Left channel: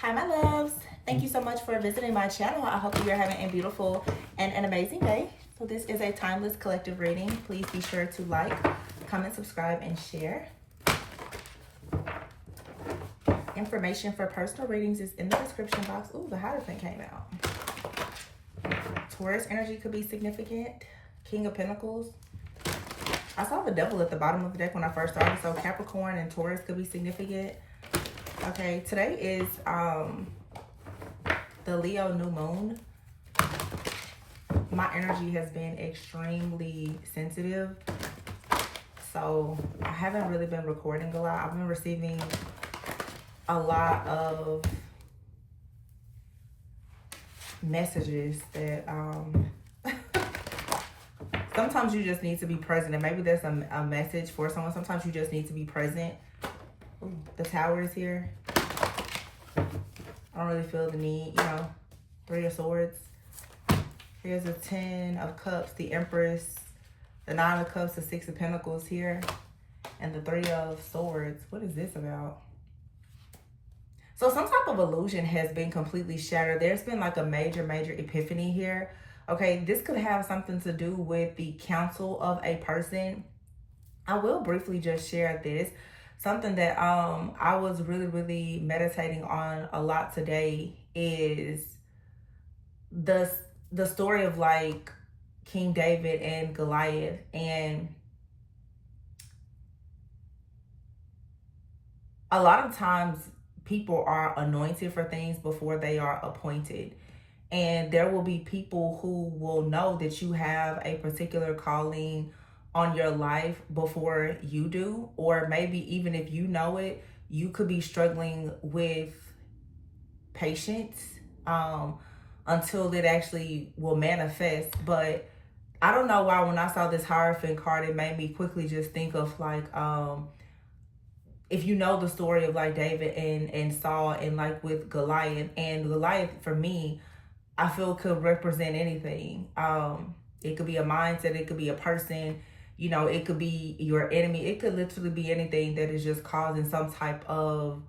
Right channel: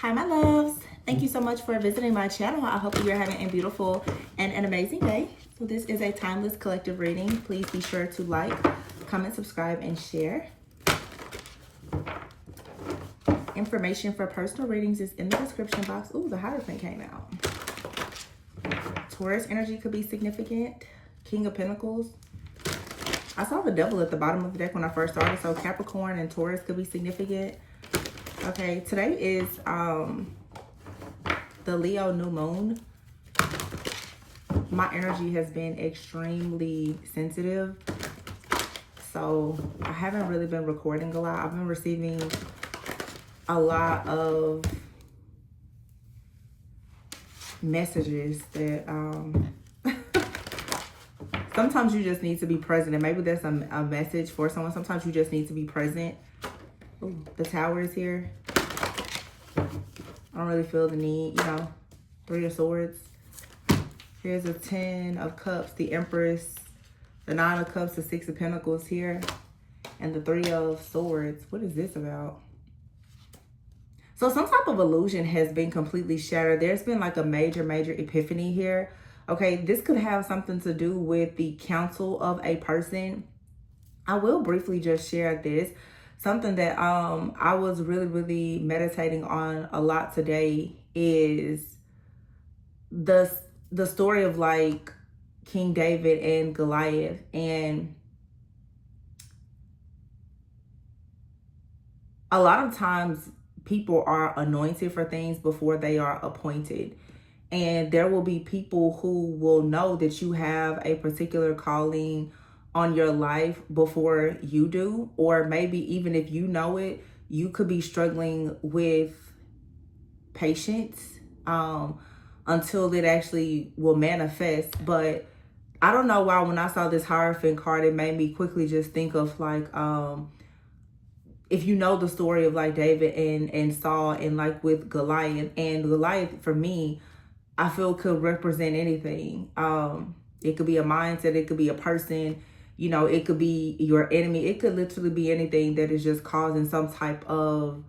Hi my loves, thank you so much for visiting my channel. I hope you're having a beautiful and an amazing day. So this is a timeless collective reading. Please be sure to like, comment, subscribe, and share. Information for personal readings is in the description box. Ooh, the Hierophant came out. Taurus energy could be significant. King of Pentacles. I saw the Devil at the bottom of the deck when I first started, so Capricorn and Taurus could be significant. Okay, today is the Leo new moon. My energy has been extremely sensitive, so I haven't really been recording a lot. I've been receiving a lot of messages that sometimes you just need to be present, and maybe there's a message for someone. Sometimes you just need to be present. Ooh, the Tower is here. I don't really feel the need, you know. Three of Swords. Here's a 10 of Cups, the Empress, the 9 of Cups, the 6 of Pentacles here, and the 3 of Swords. What is this about? So some type of illusion has been completely shattered. There's been like a major epiphany here. Okay, this could have something to do with the counsel of a person. I will briefly just share this. Something that I was really meditating on a lot today is the story of like King David and Goliath. And a lot of times people are anointed for things before they are appointed. And there will be people who will know that you have a particular calling on your life before you do, or maybe even if you know it, you could be struggling with patience until it actually will manifest. But I don't know why when I saw this Hierophant card, it made me quickly just think of like if you know the story of like David and Saul, and like with Goliath. And Goliath, for me, I feel could represent anything. It could be a mindset, it could be a person, you know, it could be your enemy. It could literally be anything that is just causing some type of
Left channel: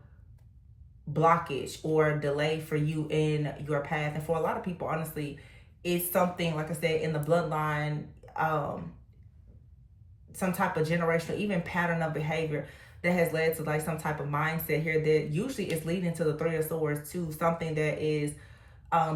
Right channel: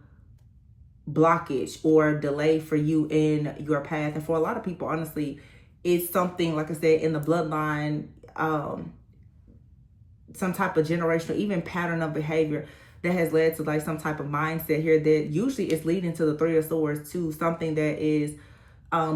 blockage or delay for you in your path. And for a lot of people, honestly, it's something, like I said, in the bloodline, some type of generational, even pattern of behavior that has led to like some type of mindset here that usually is leading to the 3 of Swords, to something that is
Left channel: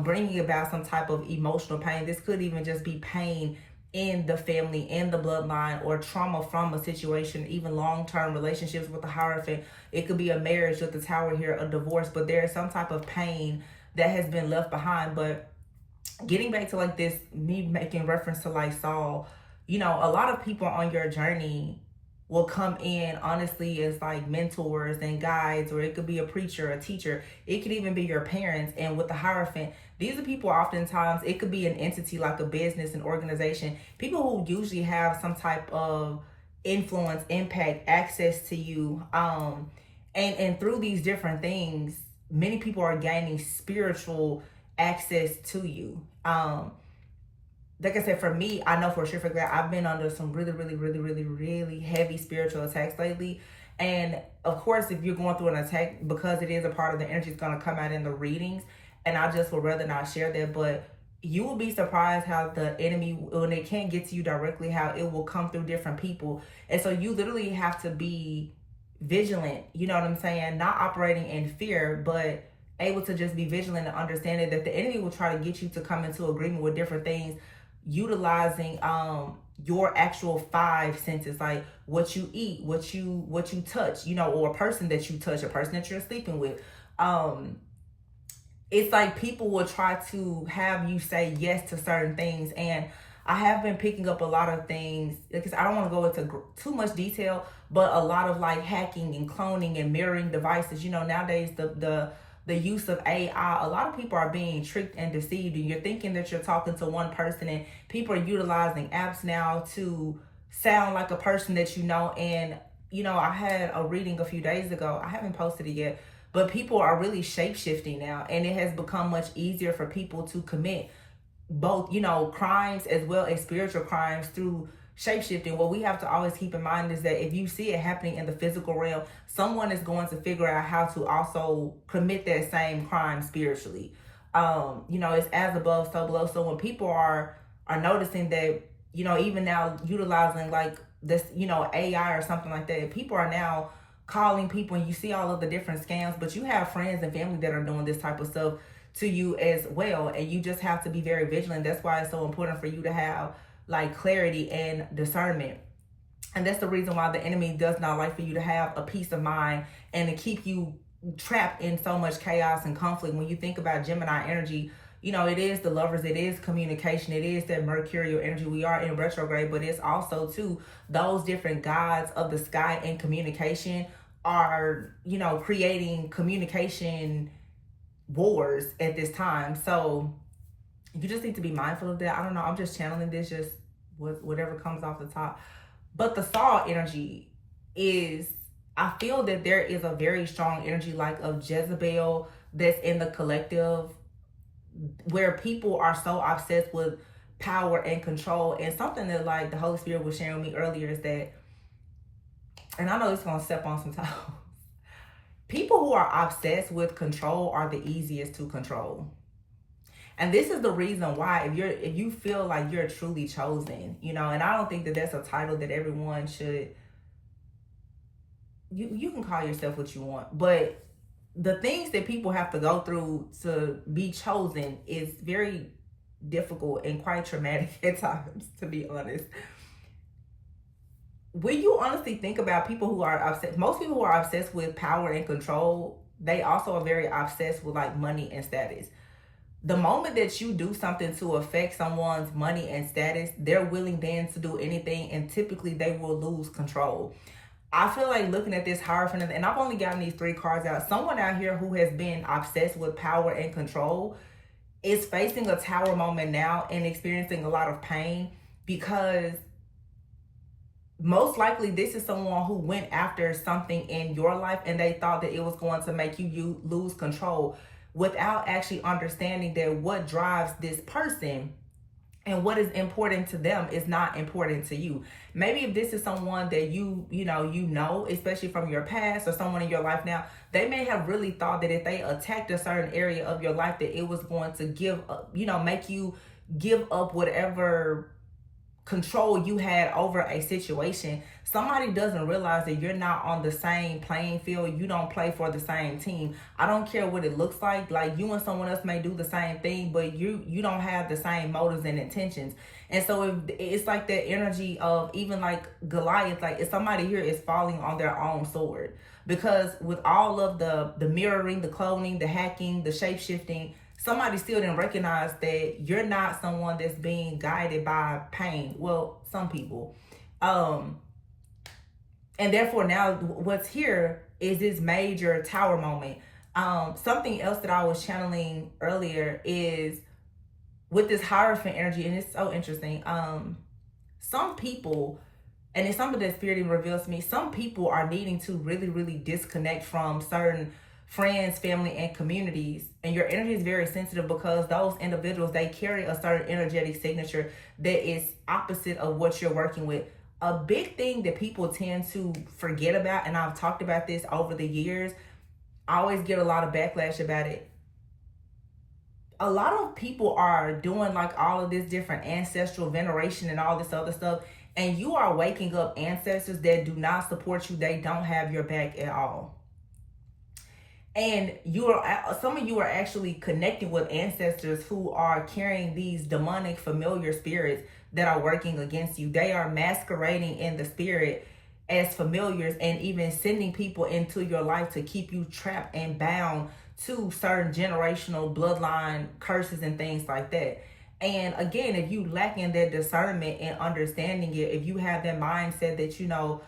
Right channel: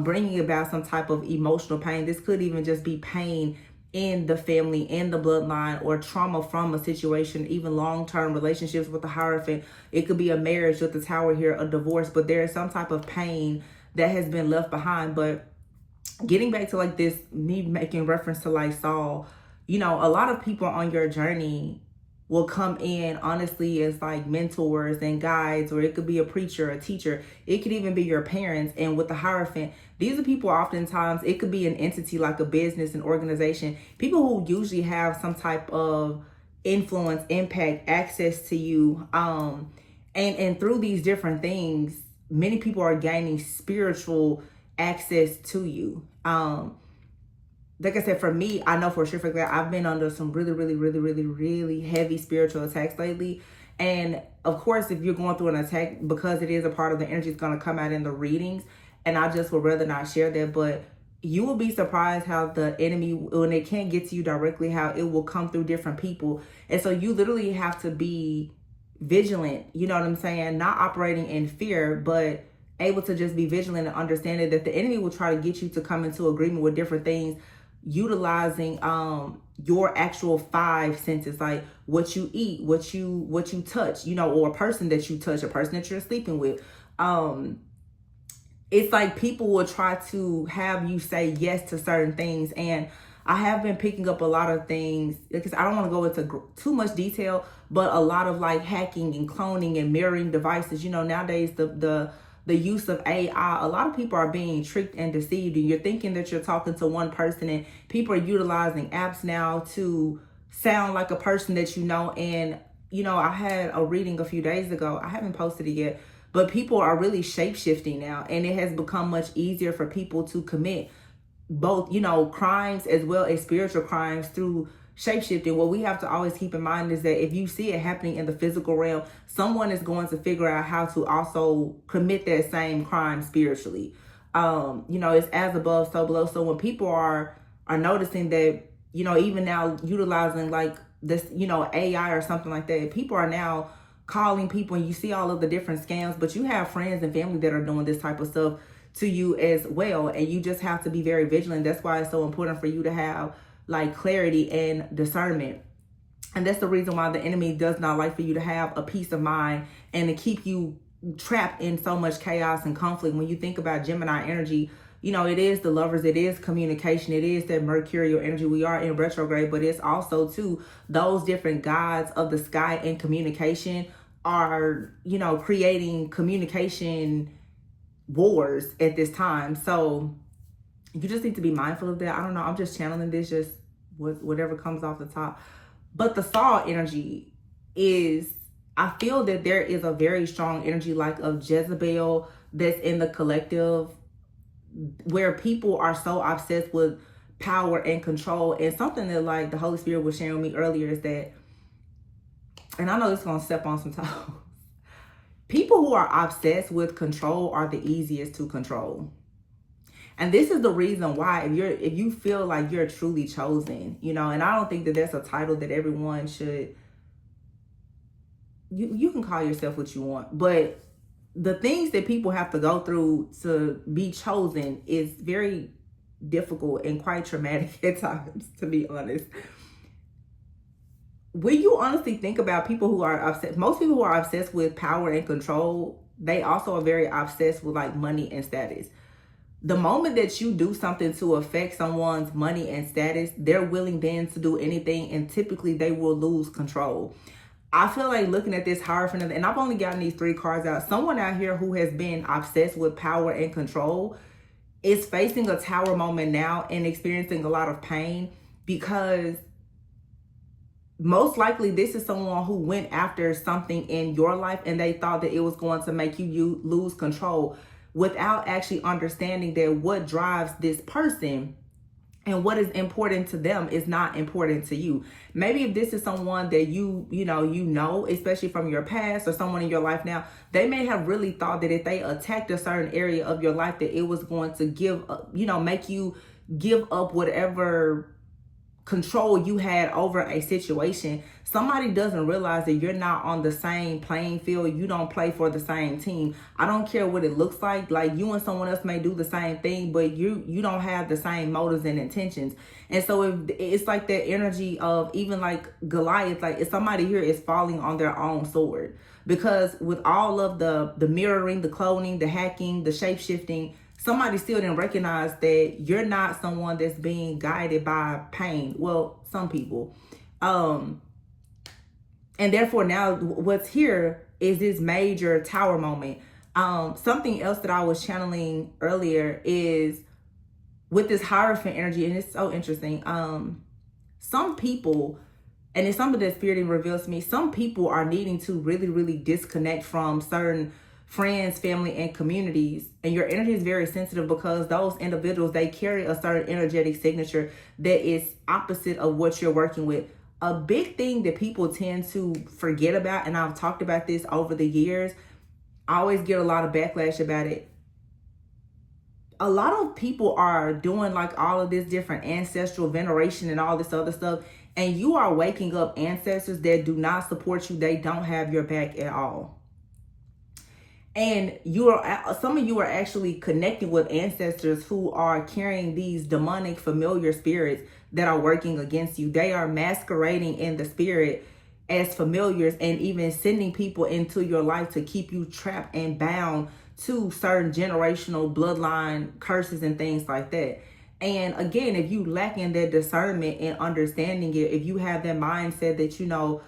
bringing about some type of emotional pain. This could even just be pain in the family, in the bloodline, or trauma from a situation, even long-term relationships with the Hierophant. It could be a marriage with the Tower here, a divorce, but there is some type of pain that has been left behind. But getting back to like this, me making reference to like Saul, you know, a lot of people on your journey will come in honestly as like mentors and guides, or it could be a preacher, a teacher, it could even be your parents. And with the Hierophant, these are people, oftentimes it could be an entity like a business, an organization, people who usually have some type of influence, impact, access to you, and through these different things, many people are gaining spiritual access to you. Like I said, for me, I know for sure for that I've been under some really heavy spiritual attacks lately. And of course, if you're going through an attack, because it is a part of the energy, it's going to come out in the readings. And I just would rather not share that. But you will be surprised how the enemy, when it can't get to you directly, how it will come through different people. And so you literally have to be vigilant, you know what I'm saying? Not operating in fear, but able to just be vigilant and understanding that the enemy will try to get you to come into agreement with different things, utilizing your actual 5 senses, like what you eat, what you touch, you know, or a person that you touch, a person that you're sleeping with. It's like people will try to have you say yes to certain things. And I have been picking up a lot of things, because I don't want to go into too much detail, but a lot of like hacking and cloning and mirroring devices. You know, nowadays the use of AI, a lot of people are being tricked and deceived, and you're thinking that you're talking to one person, and people are utilizing apps now to sound like a person that you know. And, you know, I had a reading a few days ago. I haven't posted it yet, but people are really shape-shifting now, and it has become much easier for people to commit both, you know, crimes as well as spiritual crimes through shape-shifting, what we have to always keep in mind is that if you see it happening in the physical realm, someone is going to figure out how to also commit that same crime spiritually. You know, it's as above, so below. So when people are noticing that, you know, even now utilizing like this, you know, AI or something like that, people are now calling people, and you see all of the different scams, but you have friends and family that are doing this type of stuff to you as well, and you just have to be very vigilant. That's why it's so important for you to have like clarity and discernment. And that's the reason why the enemy does not like for you to have a peace of mind and to keep you trapped in so much chaos and conflict. When you think about Gemini energy, you know, it is the Lovers, it is communication, it is that mercurial energy. We are in retrograde, but it's also too those different gods of the sky and communication are, you know, creating communication wars at this time. So you just need to be mindful of that. I don't know, I'm just channeling this, just whatever comes off the top. But the Saw energy is, I feel that there is a very strong energy like of Jezebel that's in the collective, where people are so obsessed with power and control. And something that like the Holy Spirit was sharing with me earlier is that, and I know it's gonna step on some toes, people who are obsessed with control are the easiest to control. And this is the reason why, if you feel like you're truly chosen, you know, and I don't think that that's a title that everyone should, you can call yourself what you want, but the things that people have to go through to be chosen is very difficult and quite traumatic at times, to be honest. When you honestly think about people who are obsessed, most people who are obsessed with power and control, they also are very obsessed with like money and status. The moment that you do something to affect someone's money and status, they're willing then to do anything, and typically they will lose control. I feel like looking at this Hierophant, and I've only gotten these 3 cards out, someone out here who has been obsessed with power and control is facing a tower moment now and experiencing a lot of pain, because most likely this is someone who went after something in your life and they thought that it was going to make you lose control, without actually understanding that what drives this person and what is important to them is not important to you. Maybe if this is someone that you know, especially from your past, or someone in your life now, they may have really thought that if they attacked a certain area of your life, that it was going to make you give up whatever control you had over a situation. Somebody doesn't realize that you're not on the same playing field. You don't play for the same team. I don't care what it looks like. Like, you and someone else may do the same thing, but you don't have the same motives and intentions. And so if it's like that energy of even like Goliath, like if somebody here is falling on their own sword, because with all of the mirroring, the cloning, the hacking, the shape-shifting, somebody still didn't recognize that you're not someone that's being guided by pain. Well, some people. And therefore now what's here is this major tower moment. Something else that I was channeling earlier is with this Hierophant energy, and it's so interesting. Some people, and it's something that Spirit reveals to me, some people are needing to really, really disconnect from certain friends, family, and communities. And your energy is very sensitive because those individuals, they carry a certain energetic signature that is opposite of what you're working with. A big thing that people tend to forget about, and I've talked about this over the years, I always get a lot of backlash about it. A lot of people are doing like all of this different ancestral veneration and all this other stuff, and you are waking up ancestors that do not support you. They don't have your back at all. And some of you are actually connected with ancestors who are carrying these demonic familiar spirits that are working against you. They are masquerading in the spirit as familiars and even sending people into your life to keep you trapped and bound to certain generational bloodline curses and things like that. And again, if you lack in that discernment and understanding it, if you have that mindset that, you know,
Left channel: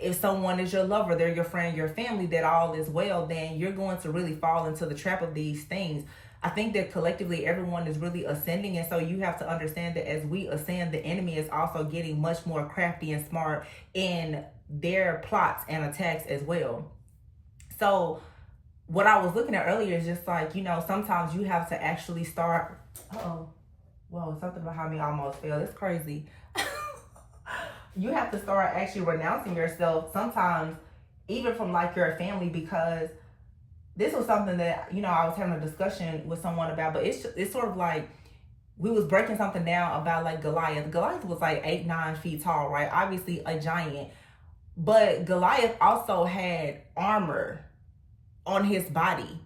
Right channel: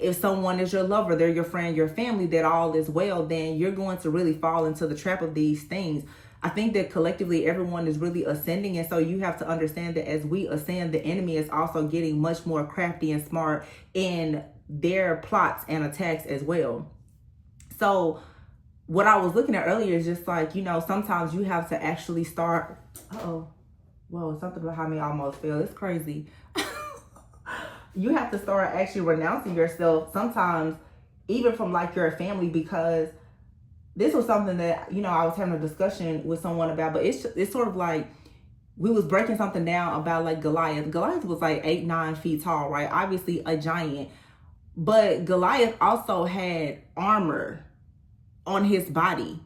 if someone is your lover, they're your friend, your family, that all is well, then you're going to really fall into the trap of these things. I think that collectively everyone is really ascending, and so you have to understand that as we ascend, the enemy is also getting much more crafty and smart in their plots and attacks as well. So what I was looking at earlier is just like, you know, sometimes you have to actually start, whoa, something behind me almost fell. It's crazy. You have to start actually renouncing yourself sometimes, even from like your family, because this was something that, you know, I was having a discussion with someone about, but it's sort of like we was breaking something down about like Goliath. Goliath was like 8-9 feet tall, right? Obviously a giant, but Goliath also had armor on his body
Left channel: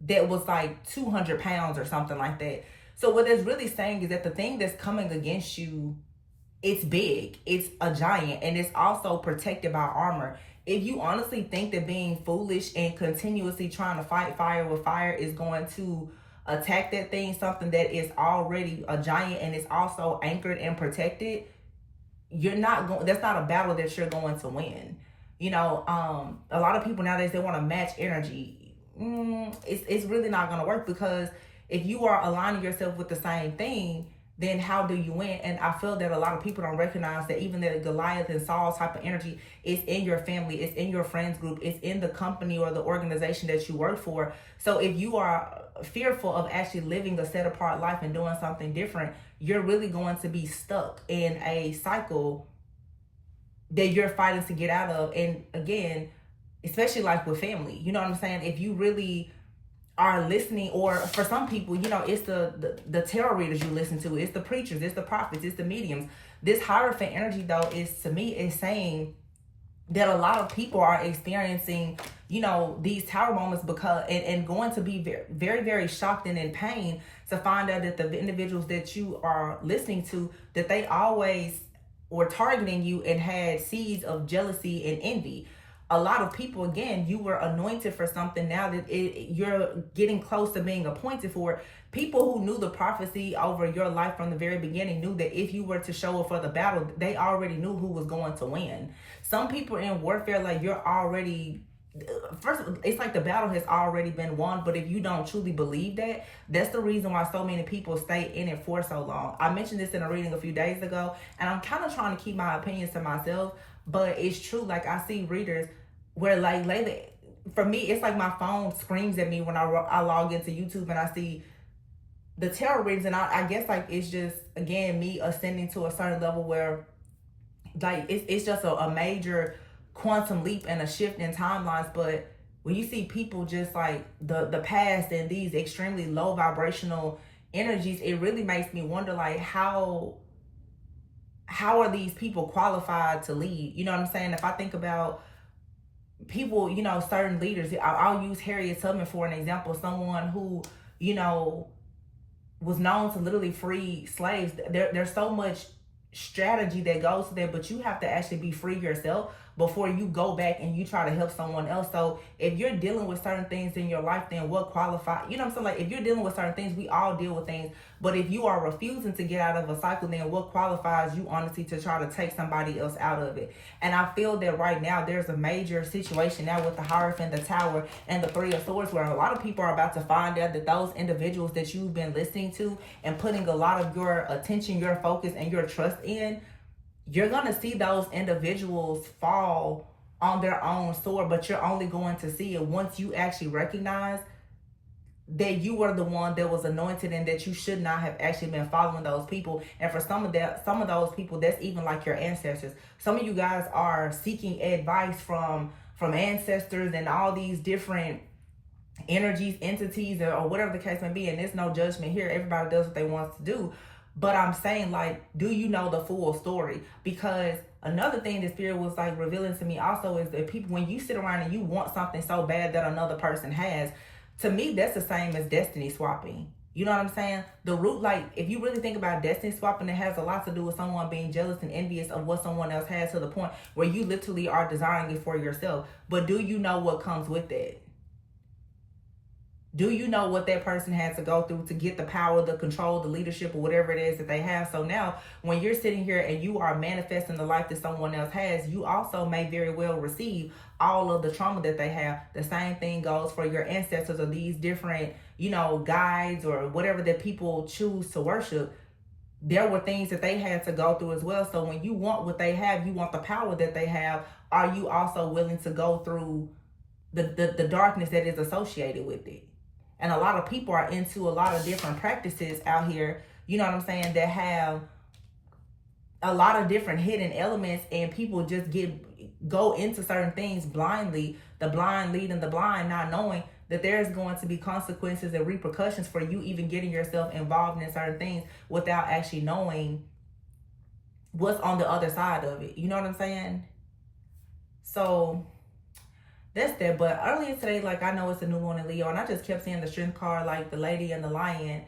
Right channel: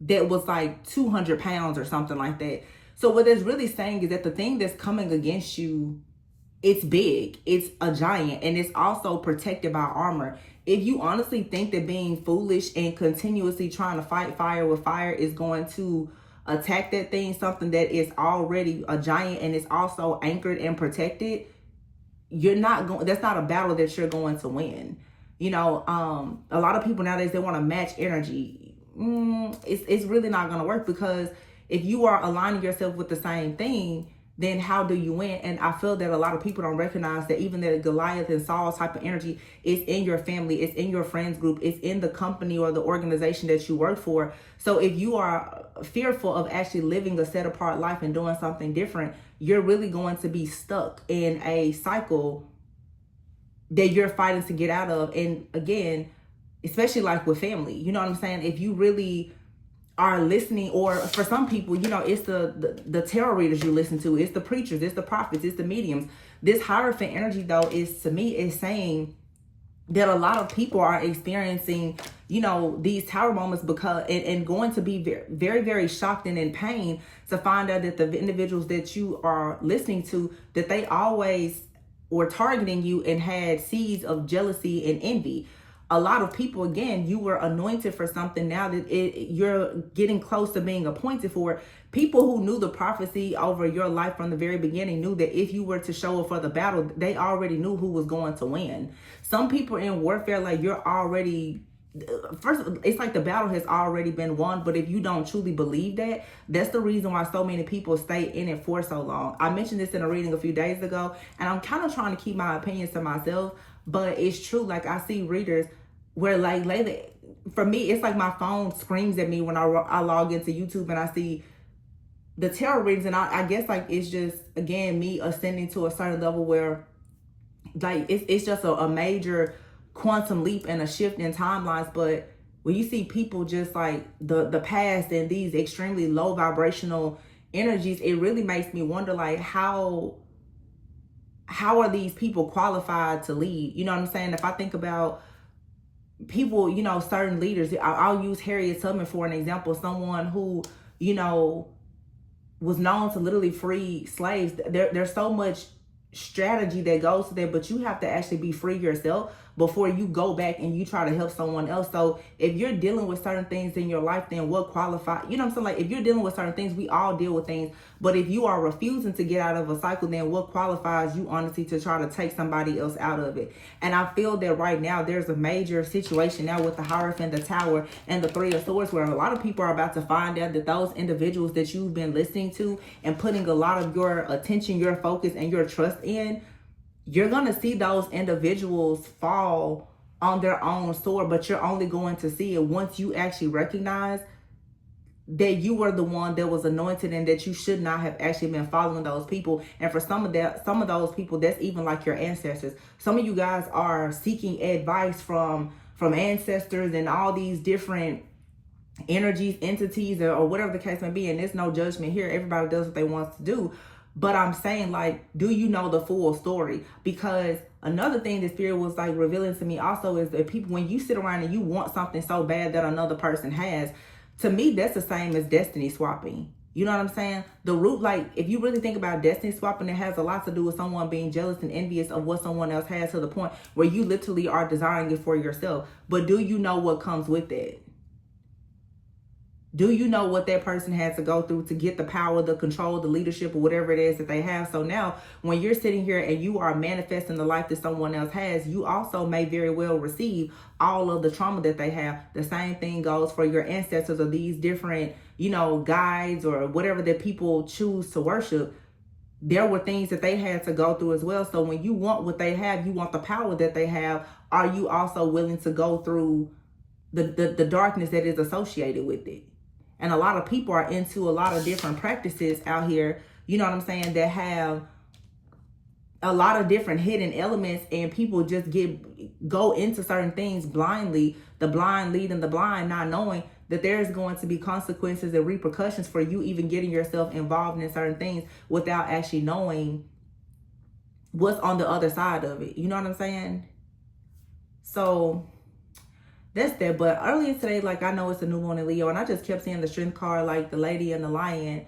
that was like 200 pounds or something like that. So what it's really saying is that the thing that's coming against you, it's big, it's a giant, and it's also protected by armor. If you honestly think that being foolish and continuously trying to fight fire with fire is going to attack that thing, something that is already a giant and is also anchored and protected, you're not going, that's not a battle that you're going to win. You know, a lot of people nowadays, they want to match energy. It's really not going to work, because if you are aligning yourself with the same thing, then how do you win? And I feel that a lot of people don't recognize that even the Goliath and Saul type of energy is in your family, it's in your friends group, it's in the company or the organization that you work for. So if you are fearful of actually living a set apart life and doing something different, you're really going to be stuck in a cycle that you're fighting to get out of. And again, especially like with family, you know what I'm saying? If you really are listening, or for some people, you know, it's the tarot readers you listen to, it's the preachers, it's the prophets, it's the mediums. This Hierophant energy, though, is, to me, is saying that a lot of people are experiencing, you know, these tower moments because and going to be very, very, very shocked and in pain to find out that the individuals that you are listening to, that they always were targeting you and had seeds of jealousy and envy. A lot of people, again, you were anointed for something. Now that you're getting close to being appointed for it, people who knew the prophecy over your life from the very beginning knew that if you were to show up for the battle, they already knew who was going to win. Some people in warfare, like, you're already, first, it's like the battle has already been won. But if you don't truly believe that, that's the reason why so many people stay in it for so long. I mentioned this in a reading a few days ago, and I'm kind of trying to keep my opinions to myself, but it's true. Like, I see readers where, like, lately, for me, it's like my phone screams at me when I log into YouTube and I see the tarot readings, and I guess, like, it's just, again, me ascending to a certain level where, like, it's just a major quantum leap and a shift in timelines. But when you see people just like the past and these extremely low vibrational energies, it really makes me wonder, like, how are these people qualified to lead? You know what I'm saying? If I think about people, you know, certain leaders, I'll use Harriet Tubman for an example, someone who, you know, was known to literally free slaves. There's so much strategy that goes to there, but you have to actually be free yourself before you go back and you try to help someone else. So if you're dealing with certain things in your life, then what qualifies? You know what I'm saying? Like, if you're dealing with certain things, we all deal with things. But if you are refusing to get out of a cycle, then what qualifies you, honestly, to try to take somebody else out of it? And I feel that right now there's a major situation now with the Hierophant, the Tower, and the Three of Swords, where a lot of people are about to find out that those individuals that you've been listening to and putting a lot of your attention, your focus, and your trust in, you're going to see those individuals fall on their own sword, but you're only going to see it once you actually recognize that you were the one that was anointed and that you should not have actually been following those people. And for some of those people, that's even like your ancestors. Some of you guys are seeking advice from ancestors and all these different energies, entities, or whatever the case may be. And there's no judgment here. Everybody does what they want to do. But I'm saying, like, do you know the full story? Because another thing the Spirit was, like, revealing to me also is that people, when you sit around and you want something so bad that another person has, to me, that's the same as destiny swapping. You know what I'm saying? The root, like, if you really think about destiny swapping, it has a lot to do with someone being jealous and envious of what someone else has, to the point where you literally are desiring it for yourself. But do you know what comes with that? Do you know what that person had to go through to get the power, the control, the leadership, or whatever it is that they have? So now, when you're sitting here and you are manifesting the life that someone else has, you also may very well receive all of the trauma that they have. The same thing goes for your ancestors, or these different, you know, guides, or whatever that people choose to worship. There were things that they had to go through as well. So when you want what they have, you want the power that they have, are you also willing to go through the darkness that is associated with it? And a lot of people are into a lot of different practices out here, you know what I'm saying, that have a lot of different hidden elements, and people just go into certain things blindly, the blind leading the blind, not knowing that there's going to be consequences and repercussions for you even getting yourself involved in certain things without actually knowing what's on the other side of it. You know what I'm saying? So that's that. But earlier today, like, I know it's a new moon in Leo, and I just kept seeing the strength card, like the lady and the lion.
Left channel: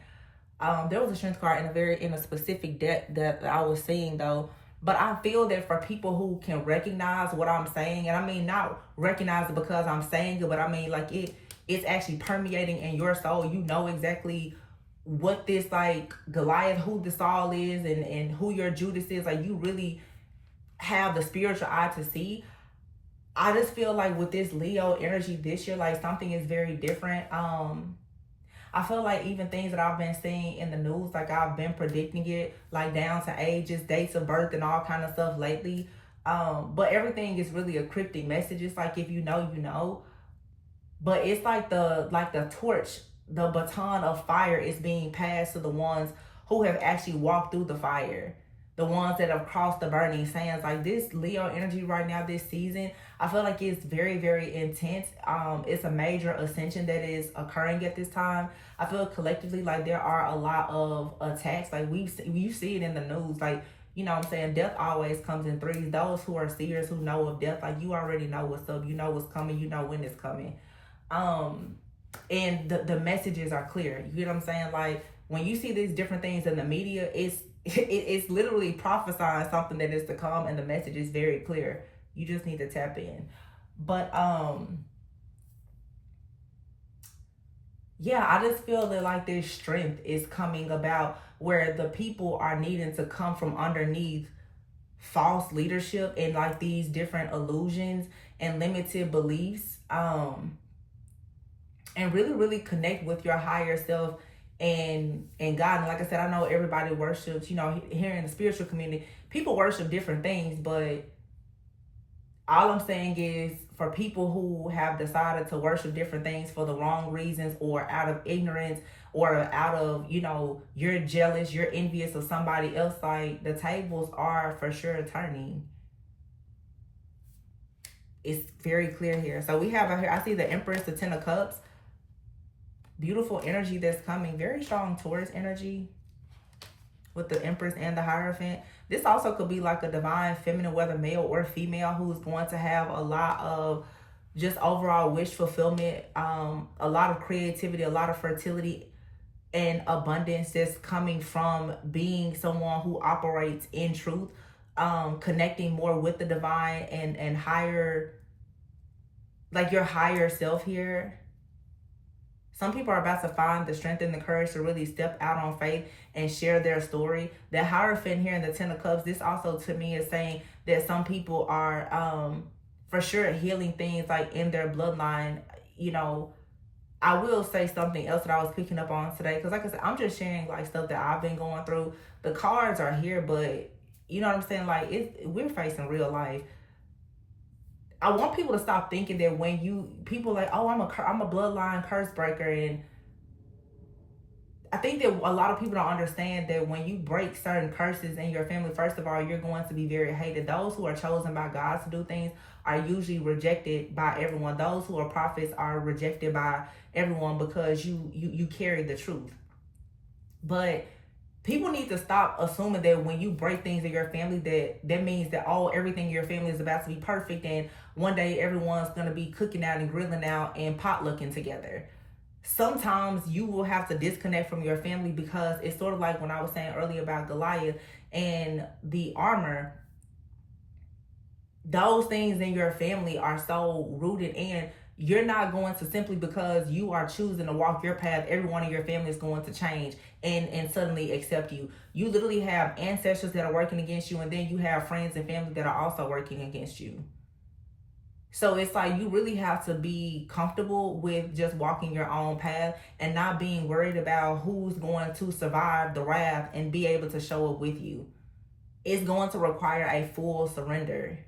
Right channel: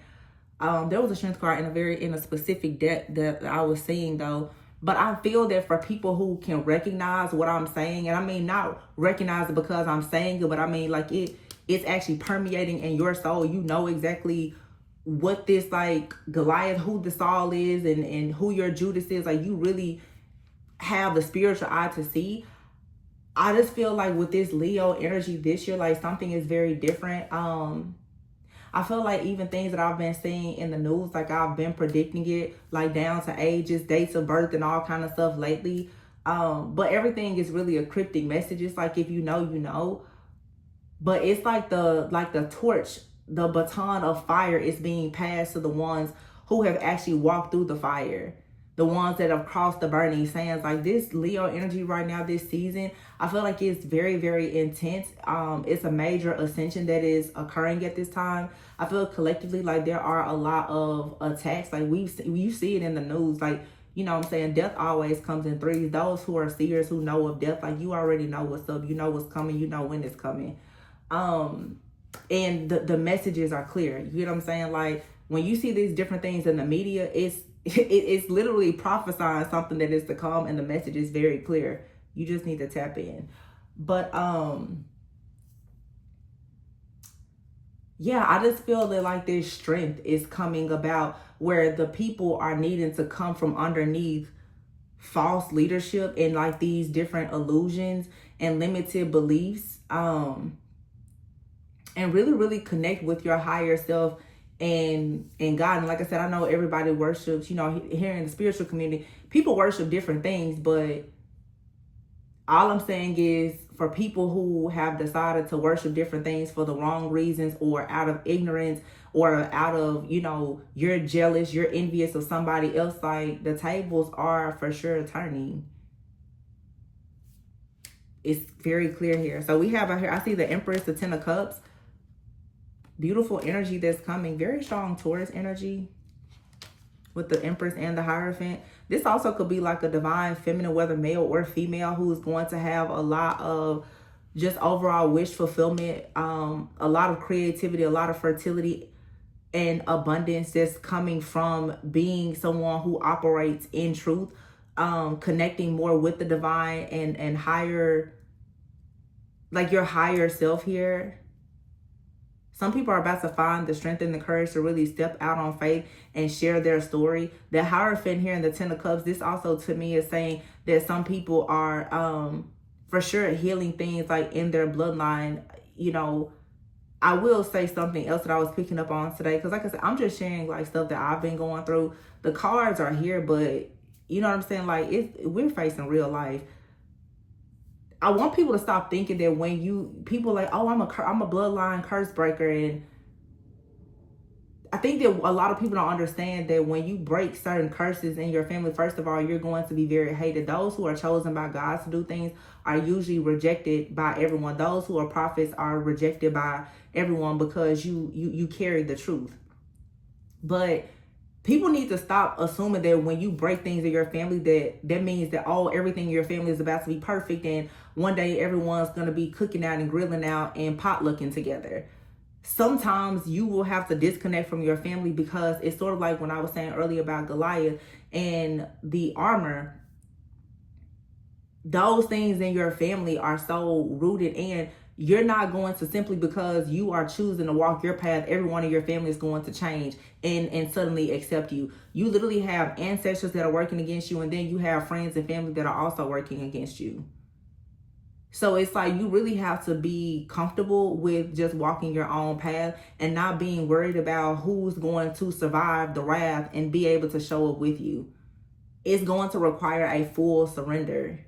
There was a strength card in a specific deck that I was seeing though. But I feel that for people who can recognize what I'm saying, and I mean not recognize it because I'm saying it, but I mean like it's actually permeating in your soul. You know exactly what this, like, Goliath, who the Saul is, and who your Judas is. Like, you really have the spiritual eye to see. I just feel like with this Leo energy this year, like, something is very different. I feel like even things that I've been seeing in the news, like, I've been predicting it, like, down to ages, dates of birth, and all kind of stuff lately. But everything is really a cryptic message. It's like, if you know, you know. But it's like the torch, the baton of fire is being passed to the ones who have actually walked through the fire. The ones that have crossed the burning sands. Like, this Leo energy right now, this season, I feel like it's very, very intense. It's a major ascension that is occurring at this time. I feel collectively like there are a lot of attacks. Like, you see it in the news. Like, you know what I'm saying? Death always comes in threes. Those who are seers, who know of death, like, you already know what's up. You know what's coming. You know when it's coming. And the messages are clear. You know what I'm saying? Like, when you see these different things in the media, it's literally prophesying something that is to come, and the message is very clear. You just need to tap in. But yeah, I just feel that, like, this strength is coming about where the people are needing to come from underneath false leadership and, like, these different illusions and limited beliefs, and really, really connect with your higher self and God. And like I said, I know everybody worships, you know, here in the spiritual community, people worship different things, but all I'm saying is, for people who have decided to worship different things for the wrong reasons, or out of ignorance, or out of, you know, you're jealous, you're envious of somebody else, like, the tables are for sure turning. It's very clear here. So we have out here, I see the Empress, the Ten of Cups. Beautiful energy that's coming. Very strong Taurus energy with the Empress and the Hierophant. This also could be like a divine feminine, whether male or female, who is going to have a lot of just overall wish fulfillment, a lot of creativity, a lot of fertility and abundance that's coming from being someone who operates in truth, connecting more with the divine and higher, like, your higher self here. Some people are about to find the strength and the courage to really step out on faith and share their story. The Hierophant here in the Ten of Cups, this also to me is saying that some people are for sure healing things, like, in their bloodline. You know, I will say something else that I was picking up on today, because like I said, I'm just sharing, like, stuff that I've been going through. The cards are here, but you know what I'm saying? Like, we're facing real life. I want people to stop thinking that when people like, oh, I'm a bloodline curse breaker. And I think that a lot of people don't understand that when you break certain curses in your family, first of all, you're going to be very hated. Those who are chosen by God to do things are usually rejected by everyone. Those who are prophets are rejected by everyone because you carry the truth. But people need to stop assuming that when you break things in your family, that means that everything in your family is about to be perfect, and one day everyone's going to be cooking out and grilling out and potlucking together. Sometimes you will have to disconnect from your family, because it's sort of like when I was saying earlier about Goliath and the armor. Those things in your family are so rooted in. You're not going to, simply because you are choosing to walk your path, everyone in your family is going to change and suddenly accept you. You literally have ancestors that are working against you, and then you have friends and family that are also working against you. So it's like, you really have to be comfortable with just walking your own path and not being worried about who's going to survive the wrath and be able to show up with you. It's going to require a full surrender.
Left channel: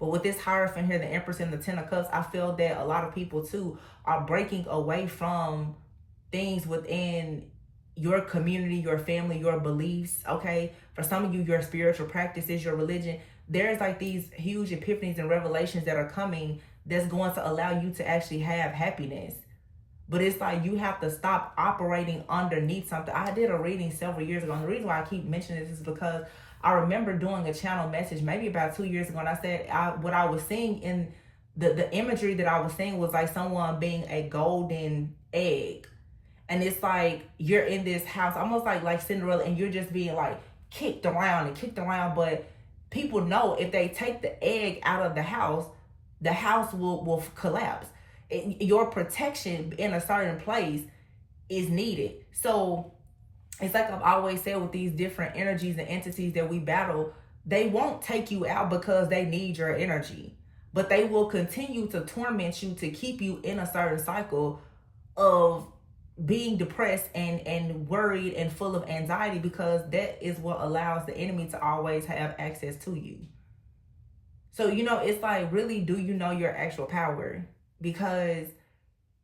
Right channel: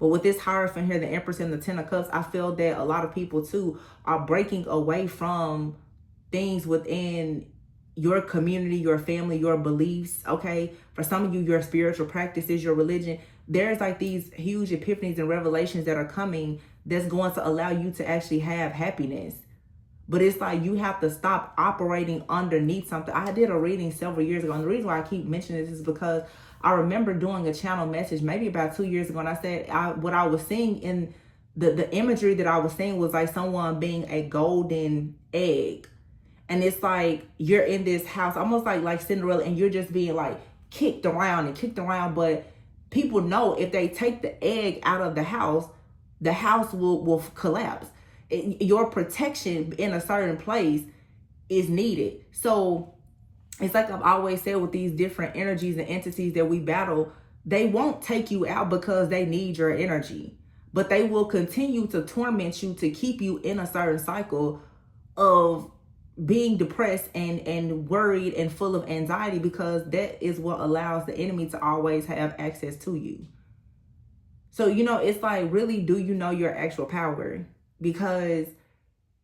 But with this Hierophant here, the Empress and the Ten of Cups, I feel that a lot of people too are breaking away from things within your community, your family, your beliefs, okay? For some of you, your spiritual practices, your religion, there's like these huge epiphanies and revelations that are coming that's going to allow you to actually have happiness. But it's like you have to stop operating underneath something. I did a reading several years ago, and the reason why I keep mentioning this is because I remember doing a channel message maybe about 2 years ago, and I said what I was seeing in the imagery that I was seeing was like someone being a golden egg. And it's like you're in this house, almost like Cinderella, and you're just being like kicked around and kicked around. But people know if they take the egg out of the house will collapse. Your protection in a certain place is needed. So it's like I've always said with these different energies and entities that we battle, they won't take you out because they need your energy, but they will continue to torment you to keep you in a certain cycle of being depressed and worried and full of anxiety, because that is what allows the enemy to always have access to you. So, it's like, really, do you know your actual power? Because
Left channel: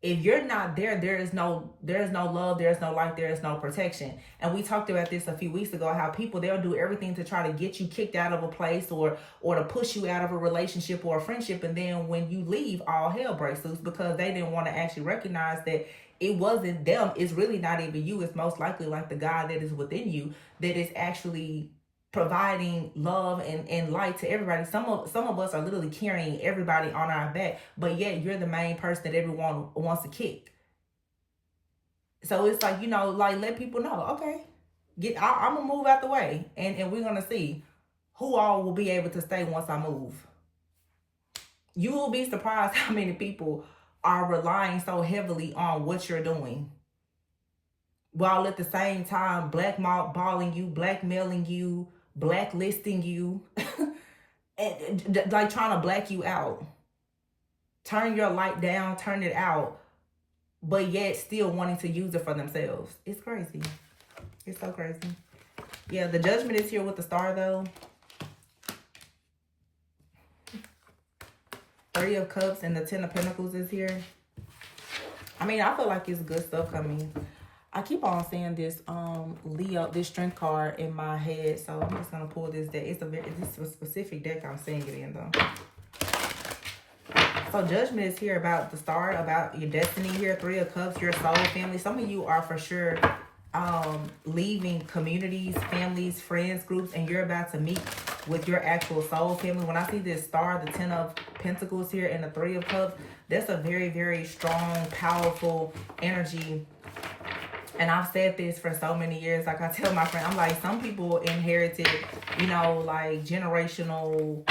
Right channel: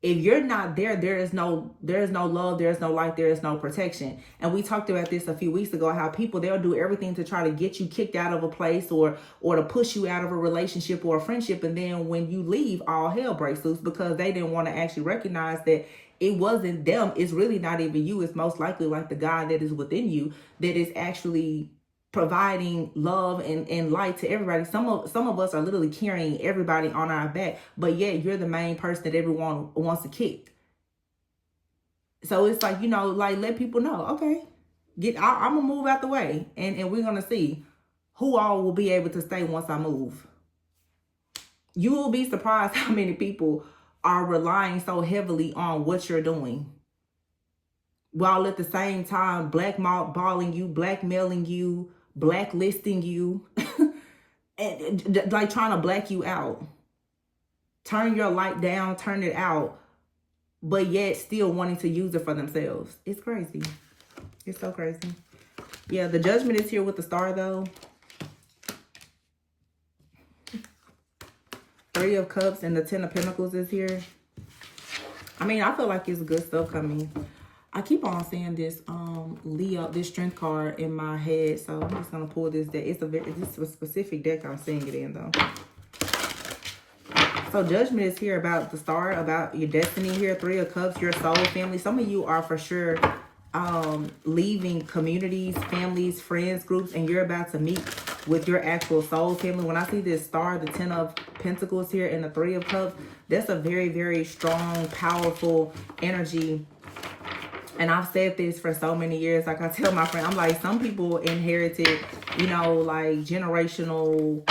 if you're not there, there is no love, there is no light, there is no protection. And we talked about this a few weeks ago, how people, they'll do everything to try to get you kicked out of a place or to push you out of a relationship or a friendship. And then when you leave, all hell breaks loose, because they didn't want to actually recognize that it wasn't them. It's really not even you. It's most likely like the God that is within you that is actually providing love and light to everybody. Some of us are literally carrying everybody on our back, but yet you're the main person that everyone wants to kick. So it's like, like, let people know, okay, I'm gonna move out the way, and we're gonna see who all will be able to stay once I move. You will be surprised how many people are relying so heavily on what you're doing, while at the same time blackballing you, blackmailing you, blacklisting you, and like trying to black you out. Turn your light down, turn it out, but yet still wanting to use it for themselves. It's crazy. It's so crazy. Yeah, the Judgment is here with the Star, though. 3 of Cups and the 10 of Pentacles is here. I mean, I feel like it's good stuff coming. I keep on saying this Leo, this Strength card in my head, so I'm just gonna pull this deck. It's a specific deck I'm saying it in, though. So Judgment is here about the Star, about your destiny here. 3 of Cups, your soul family. Some of you are for sure leaving communities, families, friends, groups, and you're about to meet with your actual soul family. When I see this Star, the 10 of Pentacles here, and the 3 of Cups, that's a very, very strong, powerful energy. And I've said this for so many years. Like I tell my friend, I'm like, some people inherited, like generational,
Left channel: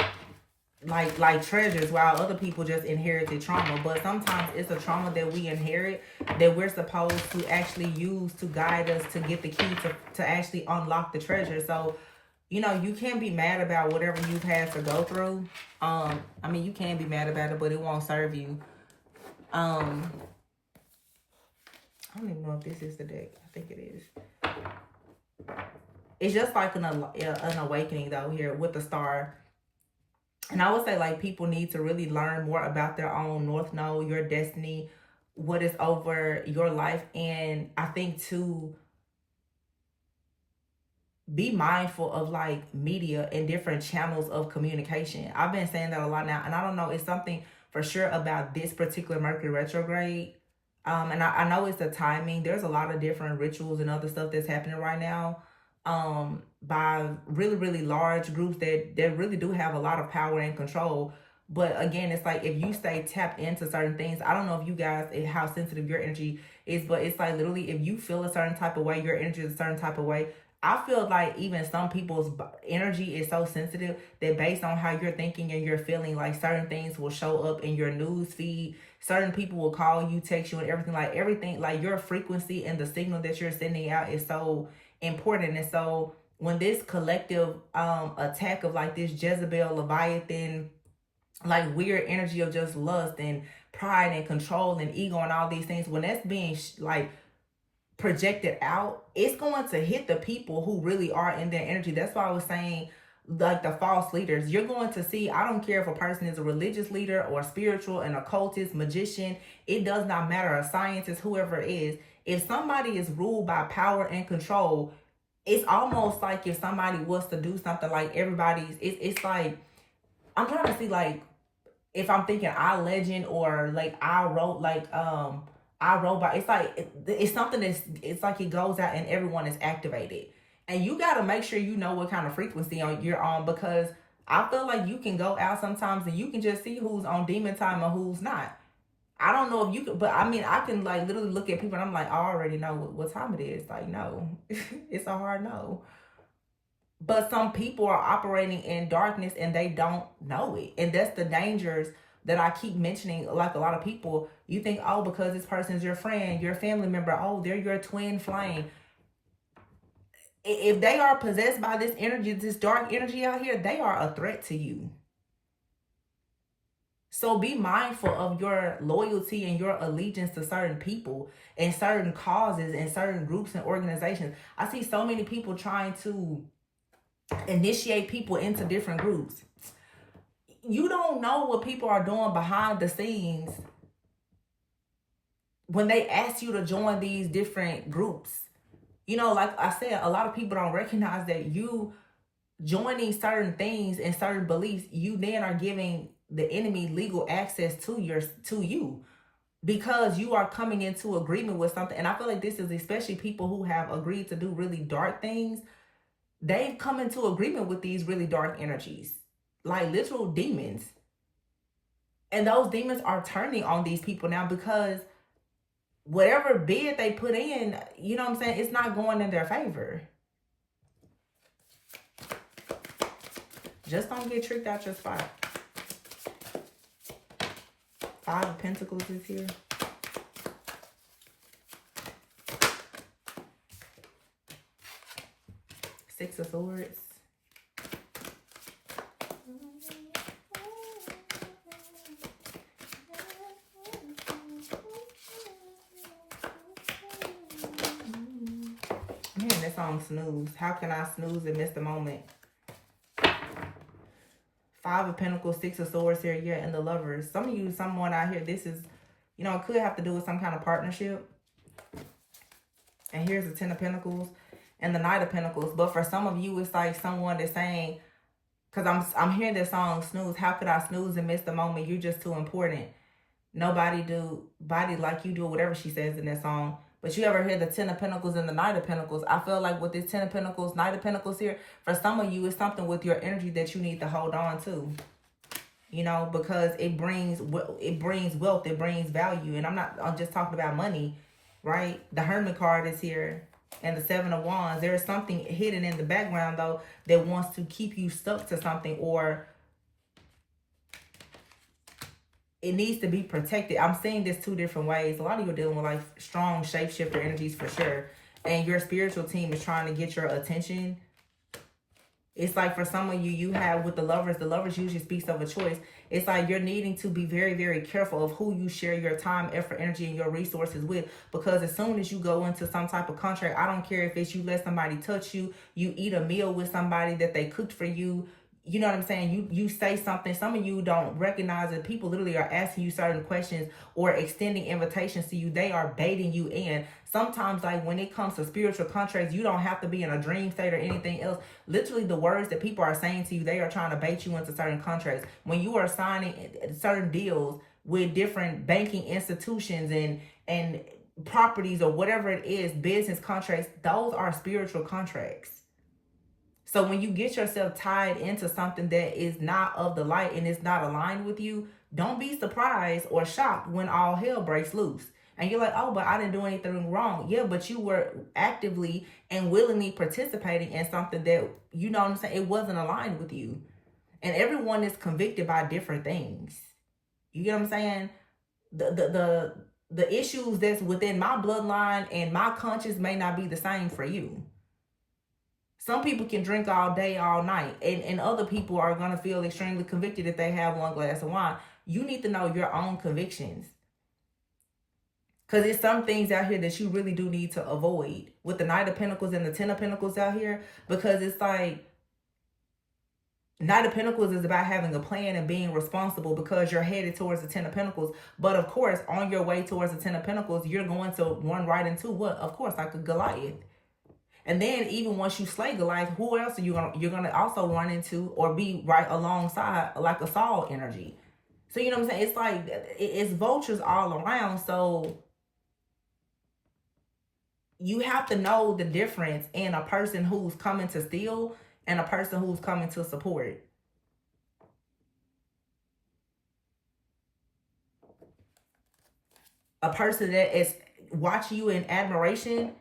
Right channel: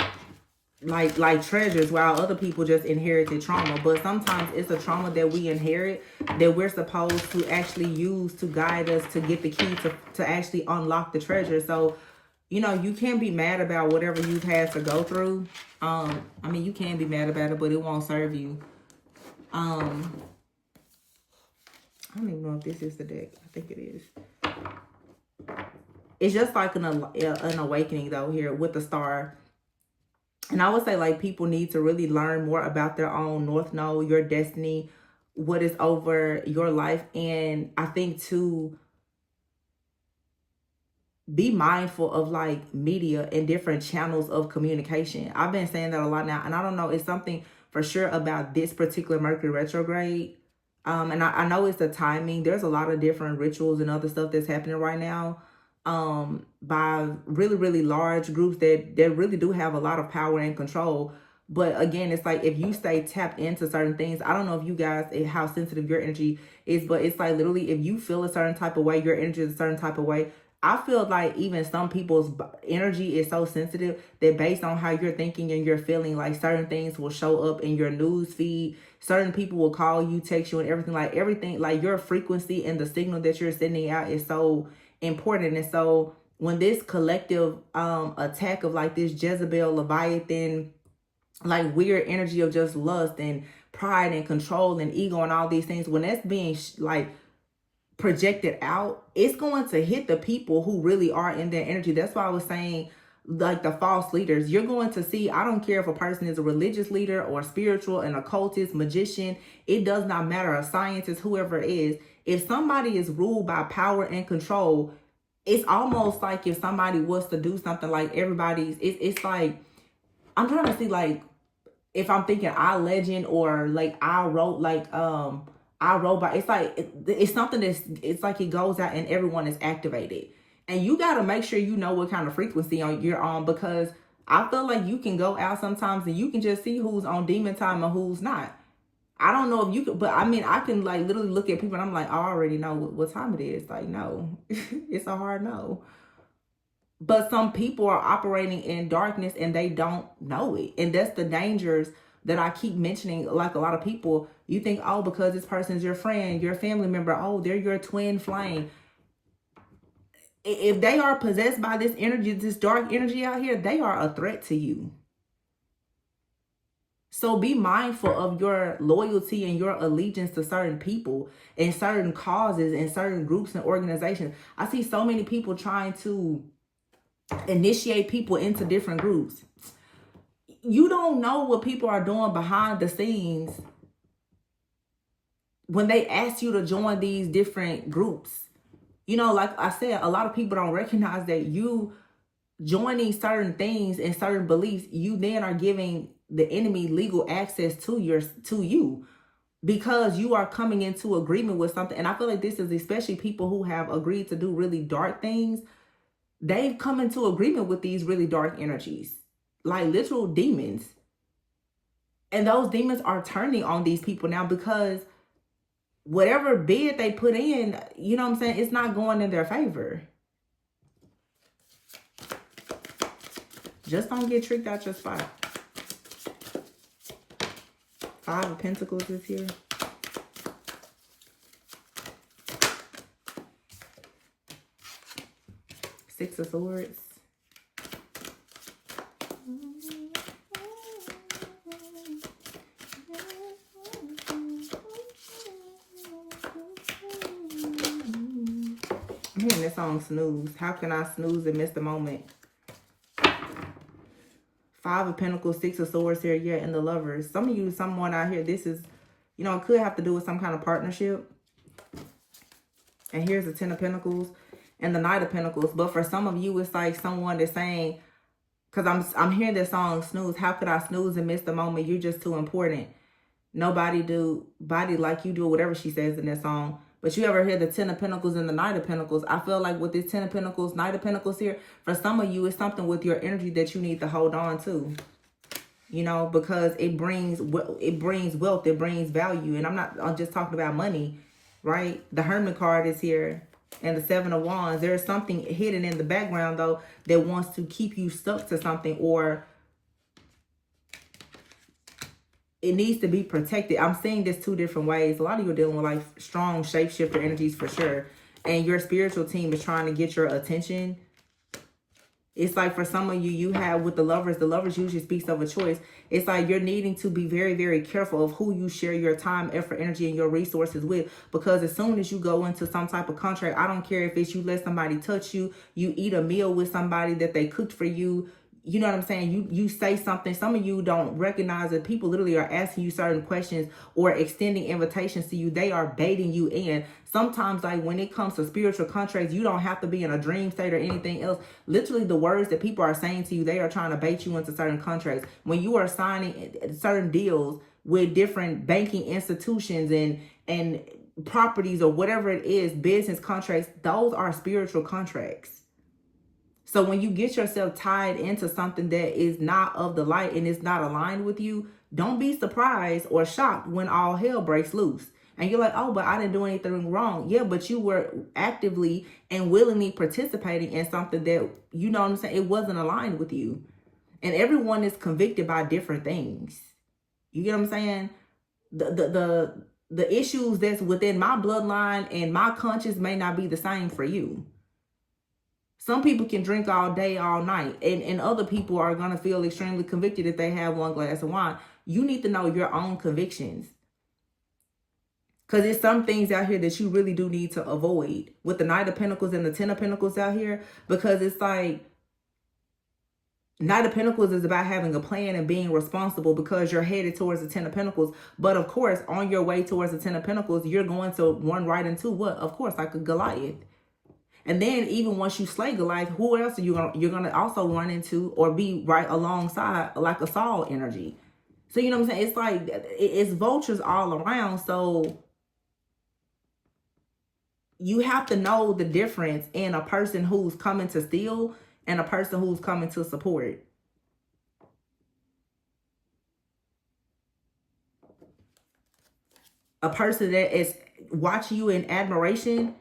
like treasures, while other people just inherited trauma. But sometimes it's a trauma that we inherit that we're supposed to actually use to guide us to get the key to actually unlock the treasure. So, you can't be mad about whatever you've had to go through. I mean, you can be mad about it, but it won't serve you. I don't even know if this is the deck. I think it is. It's just like an awakening, though, here with the Star. And I would say, like, people need to really learn more about their own North Node, your destiny, what is over your life. And I think, too, be mindful of, like, media and different channels of communication. I've been saying that a lot now. And I don't know, it's something for sure about this particular Mercury retrograde. And I know it's the timing. There's a lot of different rituals and other stuff that's happening right now by really, really large groups that really do have a lot of power and control. But again, it's like if you stay tapped into certain things, I don't know if you guys, how sensitive your energy is, but it's like literally if you feel a certain type of way, your energy is a certain type of way. I feel like even some people's energy is so sensitive that based on how you're thinking and you're feeling, like certain things will show up in your news feed. Certain people will call you, text you, and everything. Like your frequency and the signal that you're sending out is so important. And so when this collective attack of like this Jezebel, Leviathan, like weird energy of just lust and pride and control and ego and all these things, when that's being like projected out, it's going to hit the people who really are in their energy. That's why I was saying like the false leaders. You're going to see, I don't care if a person is a religious leader or spiritual, an occultist, magician, it does not matter, a scientist, whoever it is. If somebody is ruled by power and control, it's almost like if somebody was to do something, like everybody's, it's like, I'm trying to see, like, if I'm thinking I Legend or like I Wrote, like I Robot, it's like it's something that's, it's like it goes out and everyone is activated, and you got to make sure you know what kind of frequency you're on, because I feel like you can go out sometimes and you can just see who's on demon time and who's not. I don't know if you could, but I mean, I can like literally look at people and I'm like, I already know what time it is. Like, no, it's a hard no. But some people are operating in darkness and they don't know it. And that's the dangers that I keep mentioning. Like a lot of people, you think, oh, because this person's your friend, your family member, oh, they're your twin flame. If they are possessed by this energy, this dark energy out here, they are a threat to you. So be mindful of your loyalty and your allegiance to certain people and certain causes and certain groups and organizations. I see so many people trying to initiate people into different groups. You don't know what people are doing behind the scenes when they ask you to join these different groups. You know, like I said, a lot of people don't recognize that you joining certain things and certain beliefs, you then are giving the enemy legal access to you, because you are coming into agreement with something. And I feel like this is especially people who have agreed to do really dark things. They've come into agreement with these really dark energies, like literal demons. And those demons are turning on these people now, because whatever bid they put in, you know what I'm saying, it's not going in their favor. Just don't get tricked out your spot. 5 of Pentacles is here. Six of Swords. I'm hearing that song, Snooze. How can I snooze and miss the moment? 5 of Pentacles, 6 of Swords here, yeah, and the Lovers. Some of you, someone out here, this is, you know, it could have to do with some kind of partnership. And here's the 10 of Pentacles and the Knight of Pentacles. But for some of you, it's like someone that's saying, because I'm hearing this song, Snooze. How could I snooze and miss the moment? You're just too important. Nobody do body like you do, whatever she says in that song. But you ever hear the 10 of Pentacles and the Knight of Pentacles? I feel like with this 10 of Pentacles, Knight of Pentacles here, for some of you, it's something with your energy that you need to hold on to. You know, because it brings wealth, it brings value. And I'm just talking about money, right? The Hermit card is here and the 7 of Wands. There's something hidden in the background, though, that wants to keep you stuck to something, or it needs to be protected. I'm saying this 2 different ways. A lot of you are dealing with like strong shapeshifter energies for sure. And your spiritual team is trying to get your attention. It's like for some of you, you have with the Lovers usually speaks of a choice. It's like you're needing to be very, very careful of who you share your time, effort, energy, and your resources with. Because as soon as you go into some type of contract, I don't care if it's you let somebody touch you, you eat a meal with somebody that they cooked for you, you know what I'm saying? You say something. Some of you don't recognize that people literally are asking you certain questions or extending invitations to you. They are baiting you in. Sometimes, like when it comes to spiritual contracts, you don't have to be in a dream state or anything else. Literally, the words that people are saying to you, they are trying to bait you into certain contracts. When you are signing certain deals with different banking institutions and properties or whatever it is, business contracts, those are spiritual contracts. So when you get yourself tied into something that is not of the light and is not aligned with you, don't be surprised or shocked when all hell breaks loose. And you're like, oh, but I didn't do anything wrong. Yeah, but you were actively and willingly participating in something that, you know what I'm saying, it wasn't aligned with you. And everyone is convicted by different things. You get what I'm saying? The issues that's within my bloodline and my conscience may not be the same for you. Some people can drink all day, all night, and other people are going to feel extremely convicted if they have one glass of wine. You need to know your own convictions. Because there's some things out here that you really do need to avoid with the Knight of Pentacles and the 10 of Pentacles out here. Because it's like, Knight of Pentacles is about having a plan and being responsible because you're headed towards the Ten of Pentacles. But of course, on your way towards the Ten of Pentacles, you're going to run right into what? Of course, like a Goliath. And then even once you slay Goliath, who else are you're gonna also run into or be right alongside, like a Saul energy. So you know what I'm saying? It's like it's vultures all around. So you have to know the difference in a person who's coming to steal and a person who's coming to support. A person that is watching you in admiration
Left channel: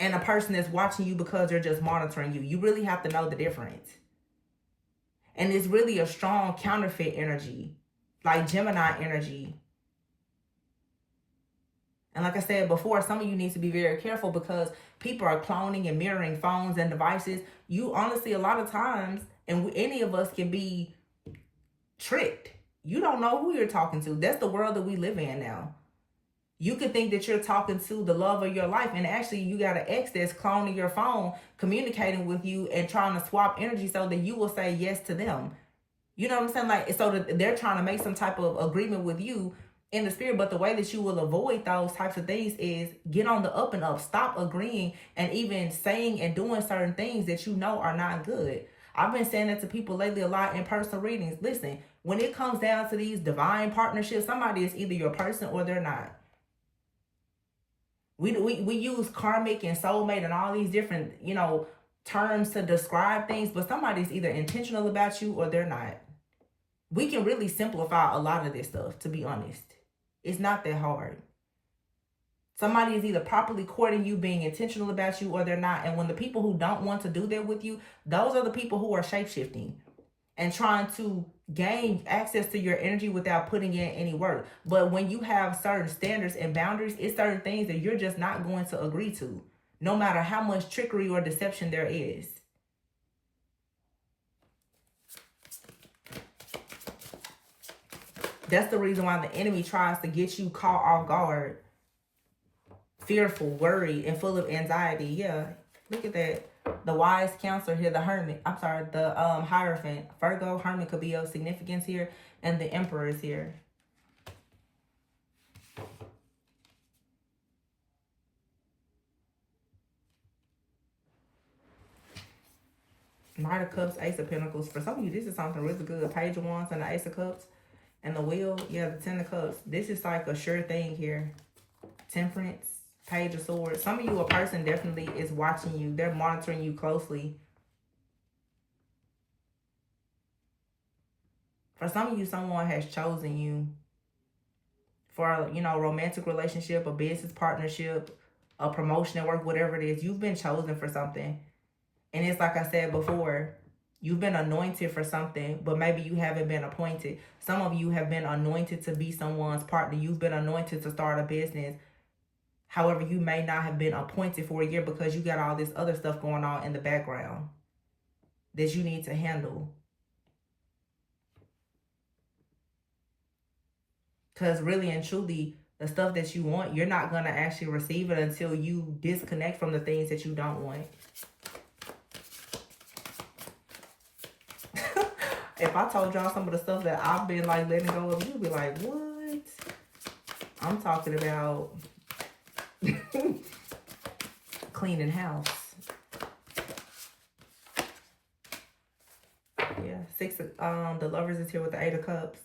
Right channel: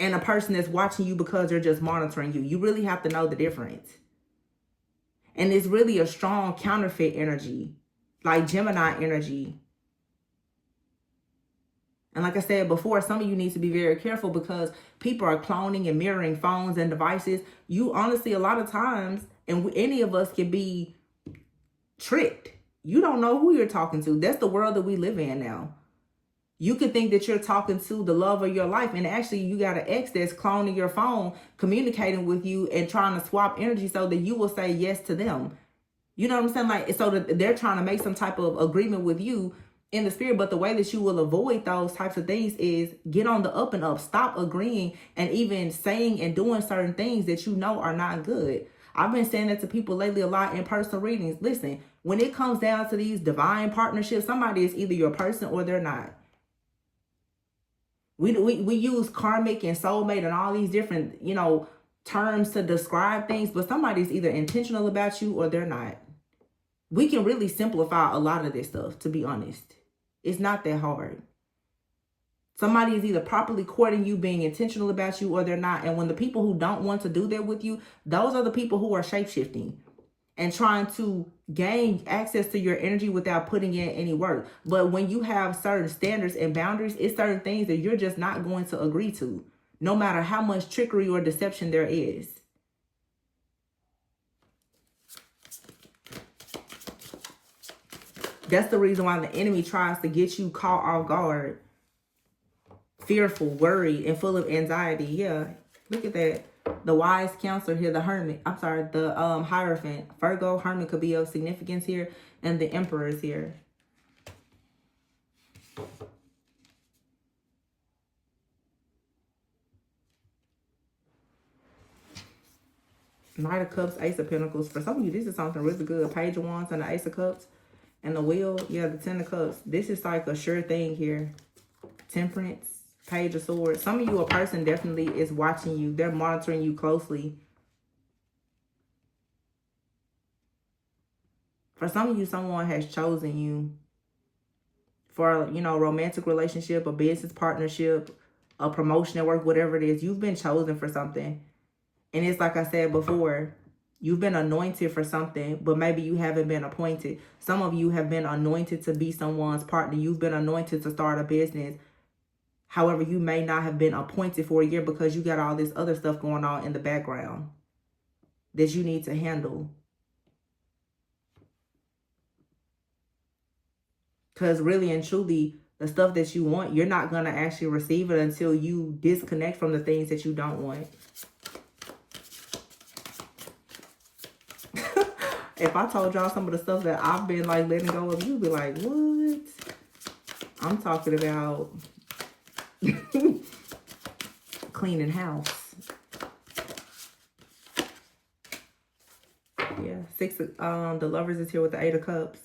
and a person that's watching you because they're just monitoring you. You really have to know the difference. And it's really a strong counterfeit energy, like Gemini energy. And like I said before, some of you need to be very careful because people are cloning and mirroring phones and devices. You honestly, a lot of times, and any of us can be tricked. You don't know who you're talking to. That's the world that we live in now. You could think that you're talking to the love of your life, and actually you got an ex that's cloning your phone, communicating with you and trying to swap energy so that you will say yes to them. You know what I'm saying? Like, so that they're trying to make some type of agreement with you in the spirit, but the way that you will avoid those types of things is get on the up and up. Stop agreeing and even saying and doing certain things that you know are not good. I've been saying that to people lately a lot in personal readings. Listen, when it comes down to these divine partnerships, somebody is either your person or they're not. We use karmic and soulmate and all these different, you know, terms to describe things, but somebody's either intentional about you or they're not. We can really simplify a lot of this stuff, to be honest. It's not that hard. Somebody is either properly courting you, being intentional about you, or they're not. And when the people who don't want to do that with you, those are the people who are shape-shifting and trying to gain access to your energy without putting in any work. But when you have certain standards and boundaries, it's certain things that you're just not going to agree to, no matter how much trickery or deception there is. That's the reason why the enemy tries to get you caught off guard, fearful, worried, and full of anxiety. Yeah, look at that. The wise counselor here, the hermit. I'm sorry, the Hierophant. Virgo, hermit could be of significance here. And the emperor is here. Knight of Cups, Ace of Pentacles. For some of you, this is something really good. Page of Wands and the Ace of Cups. And the Wheel, yeah, the Ten of Cups. This is like a sure thing here. Temperance, Page of Swords. Some of you, a person definitely is watching you. They're monitoring you closely. For some of you, someone has chosen you for, you know, romantic relationship, a business partnership, a promotion at work, whatever it is. You've been chosen for something. And it's like I said before, you've been anointed for something, but maybe you haven't been appointed. Some of you have been anointed to be someone's partner. You've been anointed to start a business. However, you may not have been appointed for a year because you got all this other stuff going on in the background that you need to handle. Because really and truly, the stuff that you want, you're not going to actually receive it until you disconnect from the things that you don't want. If I told y'all some of the stuff that I've been like letting go of, you'd be like, what? I'm talking about cleaning house. Yeah, the Lovers is here with the Eight of Cups.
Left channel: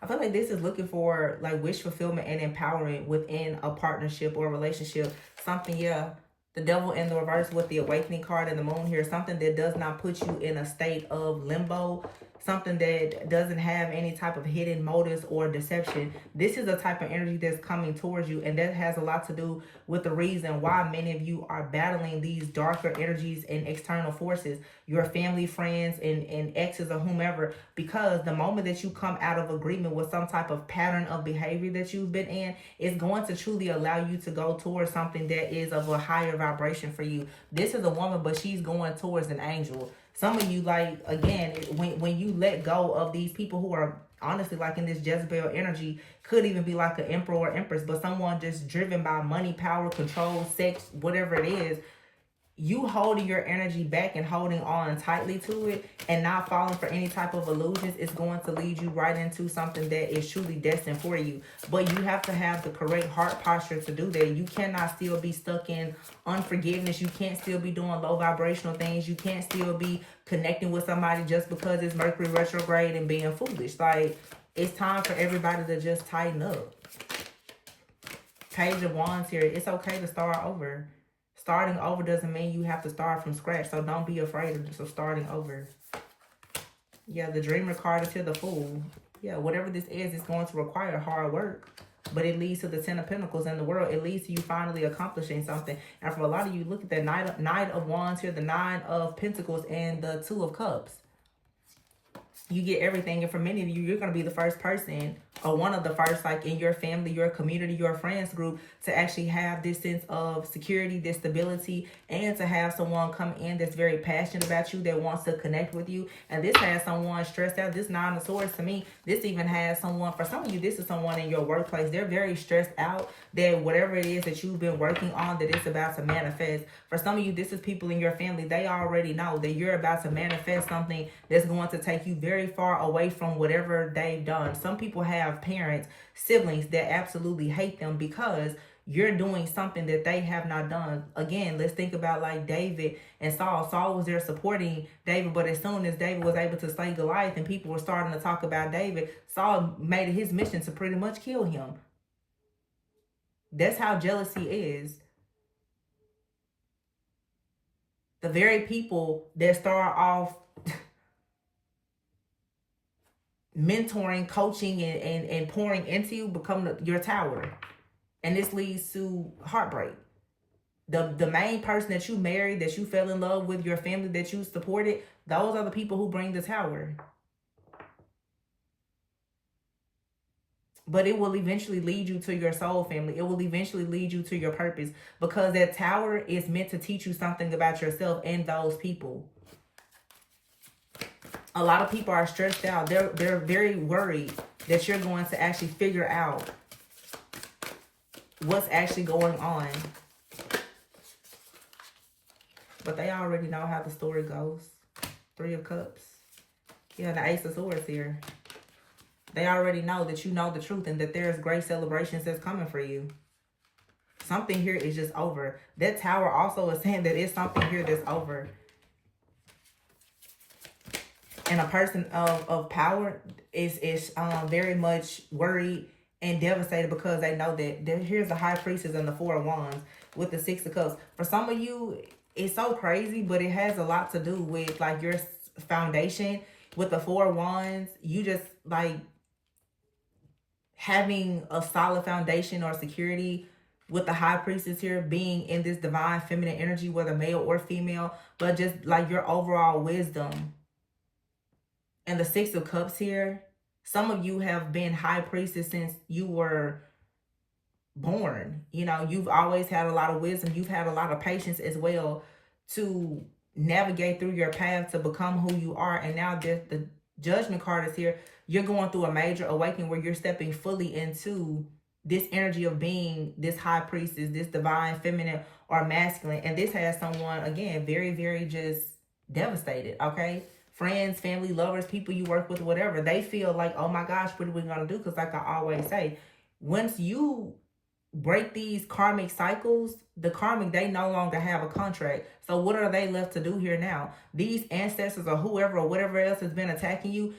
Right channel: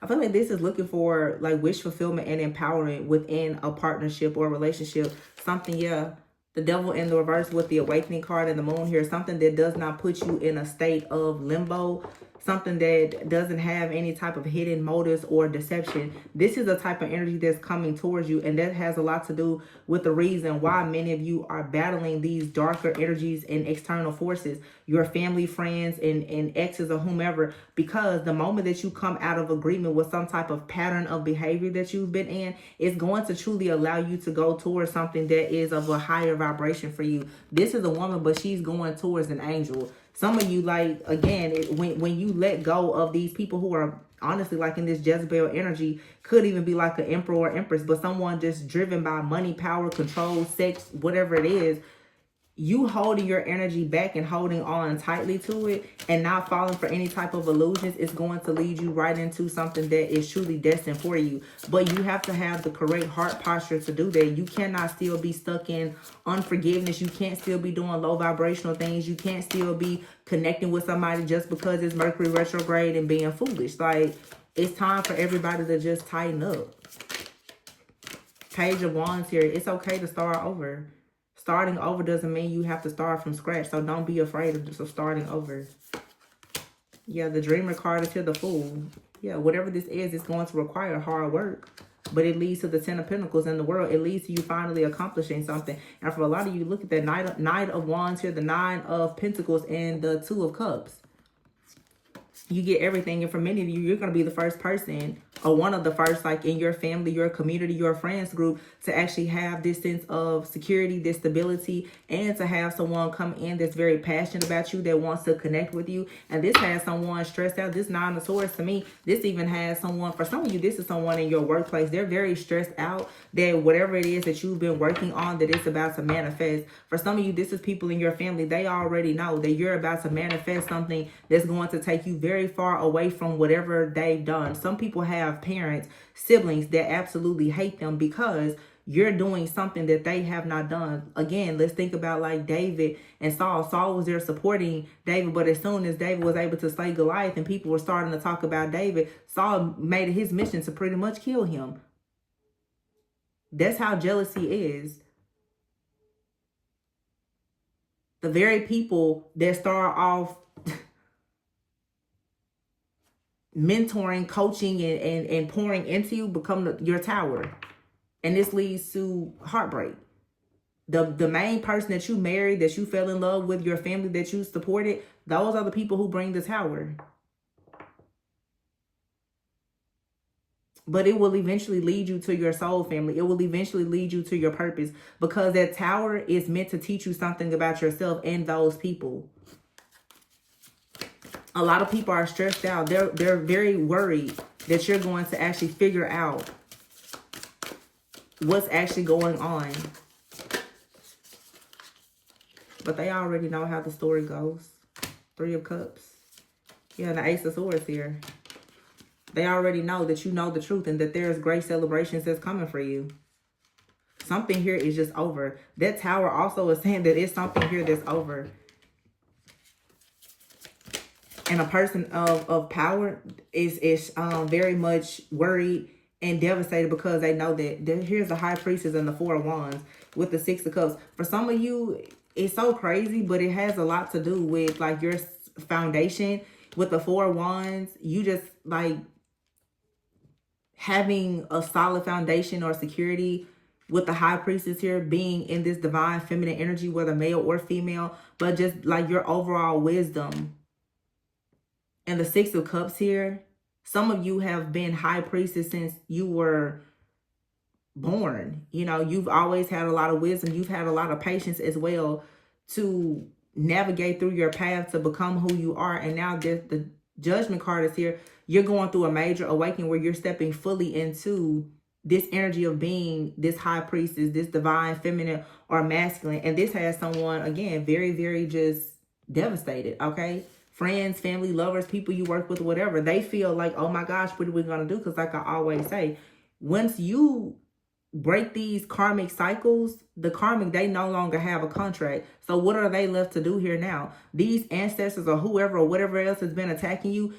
I feel like this is looking for like wish fulfillment and empowerment within a partnership or a relationship. Something, yeah. The Devil in the reverse with the Awakening card and the Moon here. Something that does not put you in a state of limbo. Something that doesn't have any type of hidden motives or deception. This is the type of energy that's coming towards you. And that has a lot to do with the reason why many of you are battling these darker energies and external forces. Your family, friends, and exes or whomever. Because the moment that you come out of agreement with some type of pattern of behavior that you've been in, it's going to truly allow you to go towards something that is of a higher vibration for you. This is a woman, but she's going towards an angel. Some of you, like, again, when you let go of these people who are honestly like in this Jezebel energy, could even be like an emperor or empress, but someone just driven by money, power, control, sex, whatever it is. you holding your energy back and holding on tightly to it and not falling for any type of illusions is going to lead you right into something that is truly destined for you. But you have to have the correct heart posture to do that. You cannot still be stuck in unforgiveness. You can't still be doing low vibrational things. You can't still be connecting with somebody just because it's Mercury retrograde and being foolish. Like, it's time for everybody to just tighten up. Page of Wands here. It's okay to start over. Starting over doesn't mean you have to start from scratch. So don't be afraid of starting over. Yeah, the Dreamer card is here, the Fool. Yeah, whatever this is, it's going to require hard work. But it leads to the 10 of Pentacles in the world. It leads to you finally accomplishing something. And for a lot of you, look at the Knight of Wands here, the 9 of Pentacles, and the 2 of Cups. You get everything. And for many of you, you're going to be the first person, or one of the first, like in your family, your community, your friends group, to actually have this sense of security, this stability, and to have someone come in that's very passionate about you, that wants to connect with you. And this has someone stressed out. This 9 of Swords, to me, this even has someone, for some of you, this is someone in your workplace. They're very stressed out that whatever it is that you've been working on, that it's about to manifest. For some of you, this is people in your family. They already know that you're about to manifest something that's going to take you very far away from whatever they've done. Some people have parents, siblings that absolutely hate them because you're doing something that they have not done. Again, let's think about like David and Saul. Saul was there supporting David, but as soon as David was able to slay Goliath and people were starting to talk about David, Saul made it his mission to pretty much kill him. That's how jealousy is. The very people that start off mentoring, coaching, and pouring into you become your tower. And this leads to heartbreak. The main person that you married, that you fell in love with, your family that you supported, those are the people who bring the tower. But it will eventually lead you to your soul family. It will eventually lead you to your purpose, because that tower is meant to teach you something about yourself and those people. A lot of people are stressed out. They're very worried that you're going to actually figure out what's actually going on. But they already know how the story goes. 3 of Cups. Yeah, the Ace of Swords here. They already know that you know the truth and that there's great celebrations that's coming for you. Something here is just over. That tower also is saying that it's something here that's over. And a person of power is very much worried and devastated because they know that here's the High Priestess and the 4 of Wands with the 6 of Cups. For some of you, it's so crazy, but it has a lot to do with like your foundation. With the 4 of Wands, you just like having a solid foundation or security. With the High Priestess here being in this divine feminine energy, whether male or female, but just like your overall wisdom. And the 6 of Cups here, some of you have been High Priestess since you were born. You know, you've always had a lot of wisdom. You've had a lot of patience as well to navigate through your path to become who you are. And now the Judgment card is here. You're going through a major awakening where you're stepping fully into this energy of being this High Priestess, this divine feminine or masculine. And this has someone, again, very, very just devastated, okay? Friends, family, lovers, people you work with, whatever. They feel like, oh my gosh, what are we going to do? Because like I always say, once you break these karmic cycles, the karmic, they no longer have a contract. So what are they left to do here now? These ancestors or whoever or whatever else has been attacking you,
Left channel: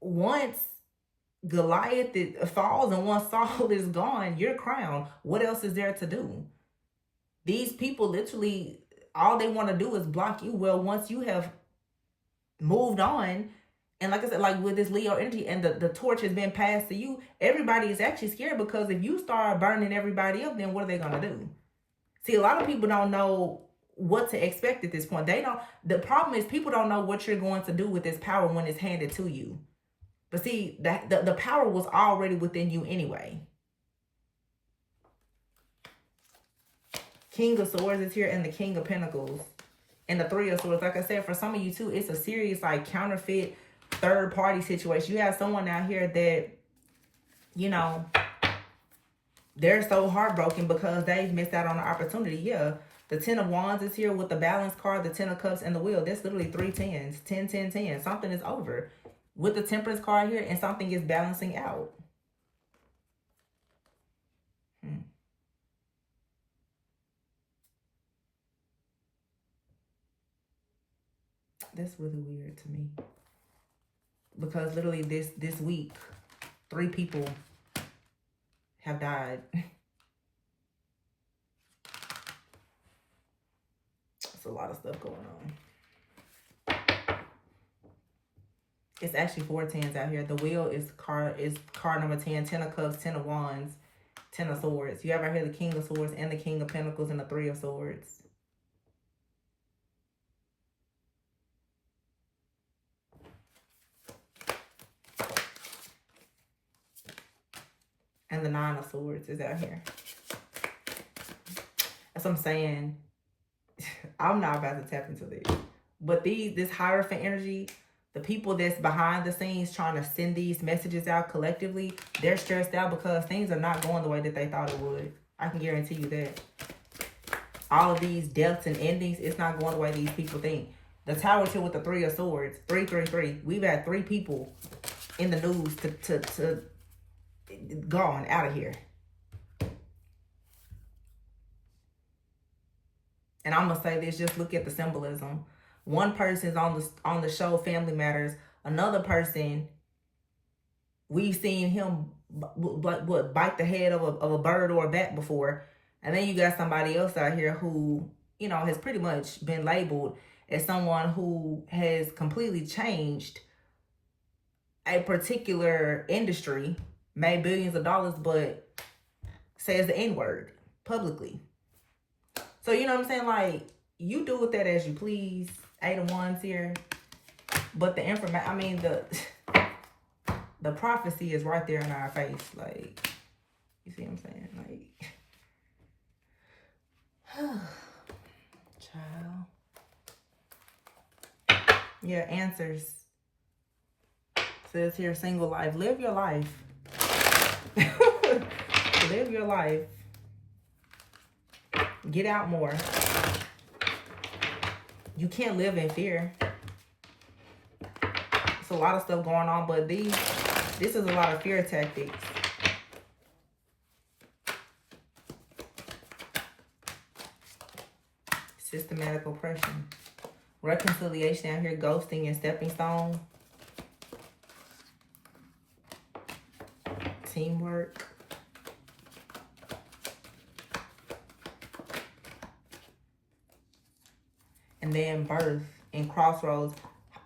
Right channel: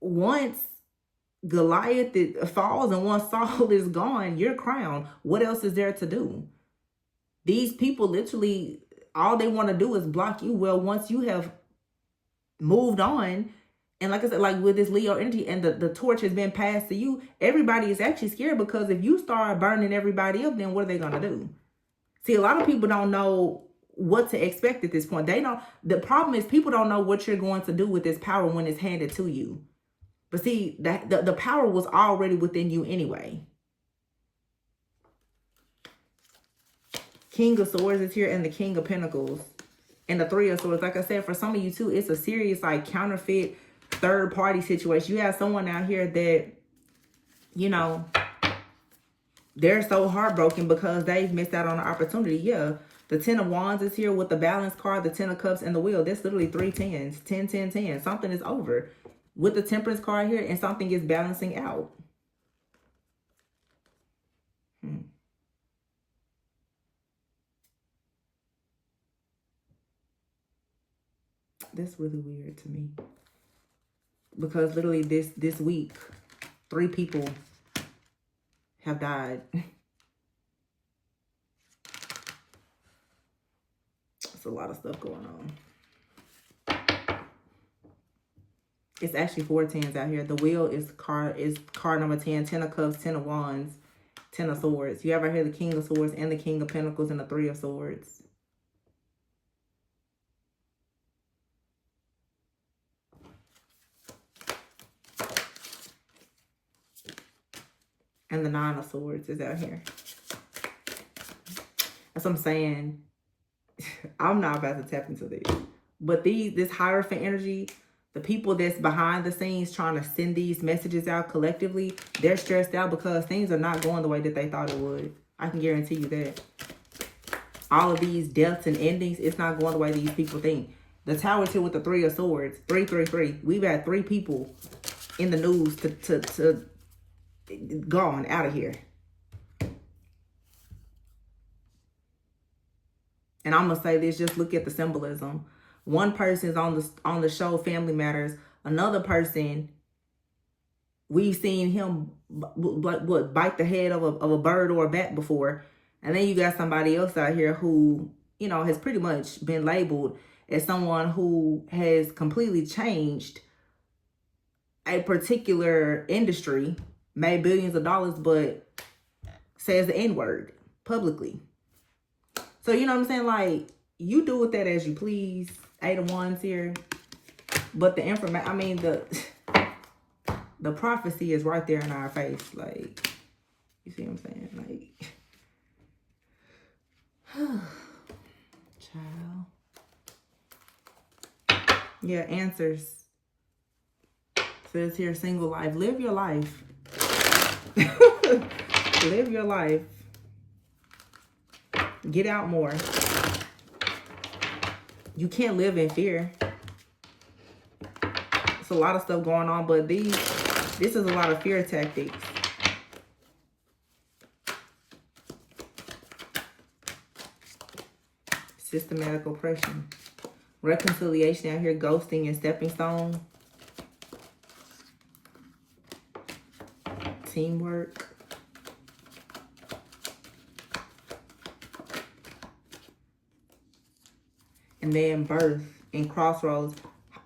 once Goliath falls and once Saul is gone, you're crowned. What else is there to do? These people literally, all they want to do is block you. Well, once you have moved on, and like I said, like with this Leo energy and the torch has been passed to you, everybody is actually scared, because if you start burning everybody up, then what are they going to do? See, a lot of people don't know what to expect at this point. They don't. The problem is people don't know what you're going to do with this power when it's handed to you. But see, that the power was already within you anyway. King of Swords is here and the King of Pentacles. And the 3 of Swords. Like I said, for some of you too, it's a serious like counterfeit third party situation. You have someone out here that, you know, they're so heartbroken because they've missed out on an opportunity. Yeah, the 10 of Wands is here with the balance card, the 10 of Cups, and the Wheel. That's literally 3 tens. 10, 10, 10. Something is over. With the Temperance card here, and something is balancing out. That's really weird to me. Because literally this week, 3 people have died. It's a lot of stuff going on. It's actually 4 tens out here. The Wheel is card number 10. 10 of Cups, 10 of Wands, 10 of Swords. You ever hear the King of Swords and the King of Pentacles and the 3 of Swords? And the 9 of Swords is out here. That's what I'm saying. I'm not about to tap into this. But this Hierophant energy, the people that's behind the scenes trying to send these messages out collectively, they're stressed out because things are not going the way that they thought it would. I can guarantee you that. All of these deaths and endings, it's not going the way these people think. The Tower's here with the 3 of Swords. 3, 3, 3. We've had 3 people in the news to gone out of here. And I'm gonna say this, just look at the symbolism. One person's on the show Family Matters. Another person, we've seen him bite the head of a bird or a bat before. And then you got somebody else out here who, you know, has pretty much been labeled as someone who has completely changed a particular industry, made billions of dollars, but says the N-word publicly. So, you know what I'm saying? Like, you do with that as you please. 8 of Wands here. But the information, I mean, the prophecy is right there in our face. Like, you see what I'm saying? Like, child. Yeah, answers. Says here, single life. Live your life. Live your life. Get out more. You can't live in fear. It's a lot of stuff going on, but this is a lot of fear tactics. Systematic oppression. Reconciliation out here, ghosting and stepping stone. Teamwork. And then birth and crossroads.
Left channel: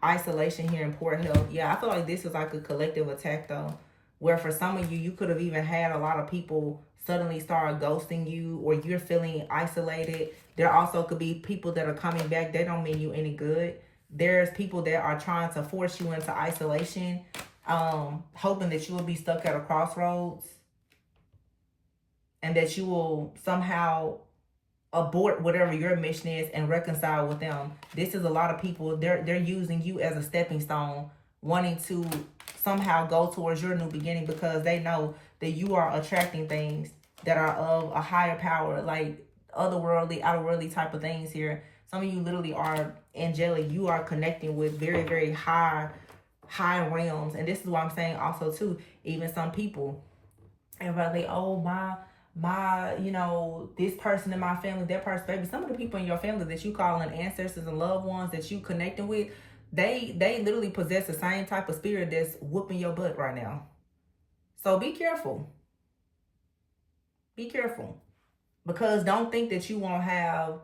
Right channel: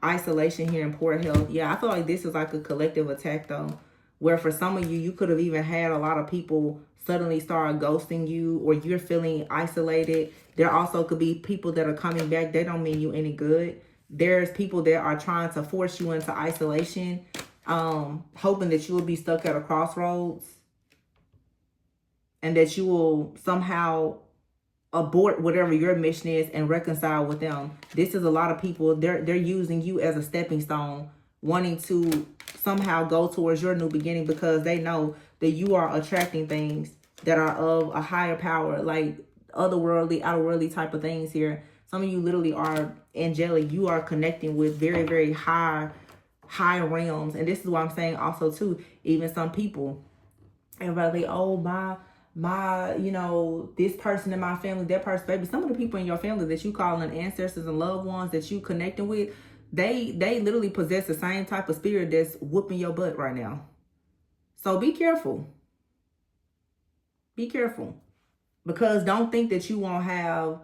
Isolation here and poor health. Yeah, I feel like this is like a collective attack though. Where for some of you, you could have even had a lot of people suddenly start ghosting you, or you're feeling isolated. There also could be people that are coming back. They don't mean you any good. There's people that are trying to force you into isolation, hoping that you will be stuck at a crossroads and that you will somehow abort whatever your mission is and reconcile with them. This is a lot of people, they're using you as a stepping stone, wanting to somehow go towards your new beginning because they know that you are attracting things that are of a higher power, like otherworldly, outerworldly type of things here. Some of you literally are angelic. You are connecting with very, very high realms. And this is what I'm saying also too, even some people, everybody, oh, my, you know, this person in my family, that person, baby, some of the people in your family that you calling ancestors and loved ones that you connecting with, they literally possess the same type of spirit that's whooping your butt right now. So be careful. Be careful. Because don't think that you won't have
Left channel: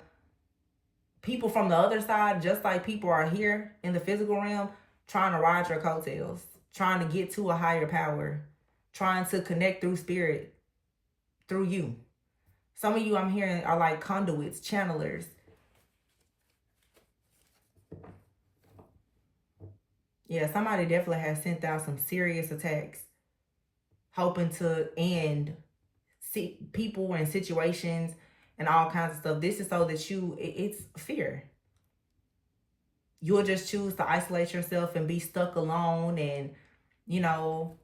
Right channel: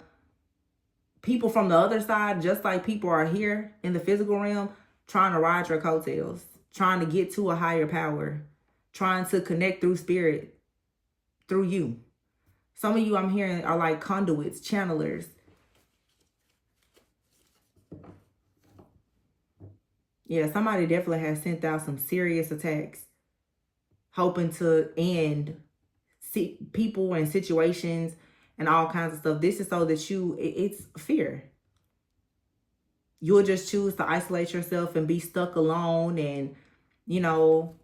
people from the other side, just like people are here in the physical realm, trying to ride your coattails, trying to get to a higher power, trying to connect through spirit, through you. Some of you I'm hearing are like conduits, channelers. Yeah, somebody definitely has sent out some serious attacks, hoping to end people and situations and all kinds of stuff. This is so that it's fear. You'll just choose to isolate yourself and be stuck alone and, you know,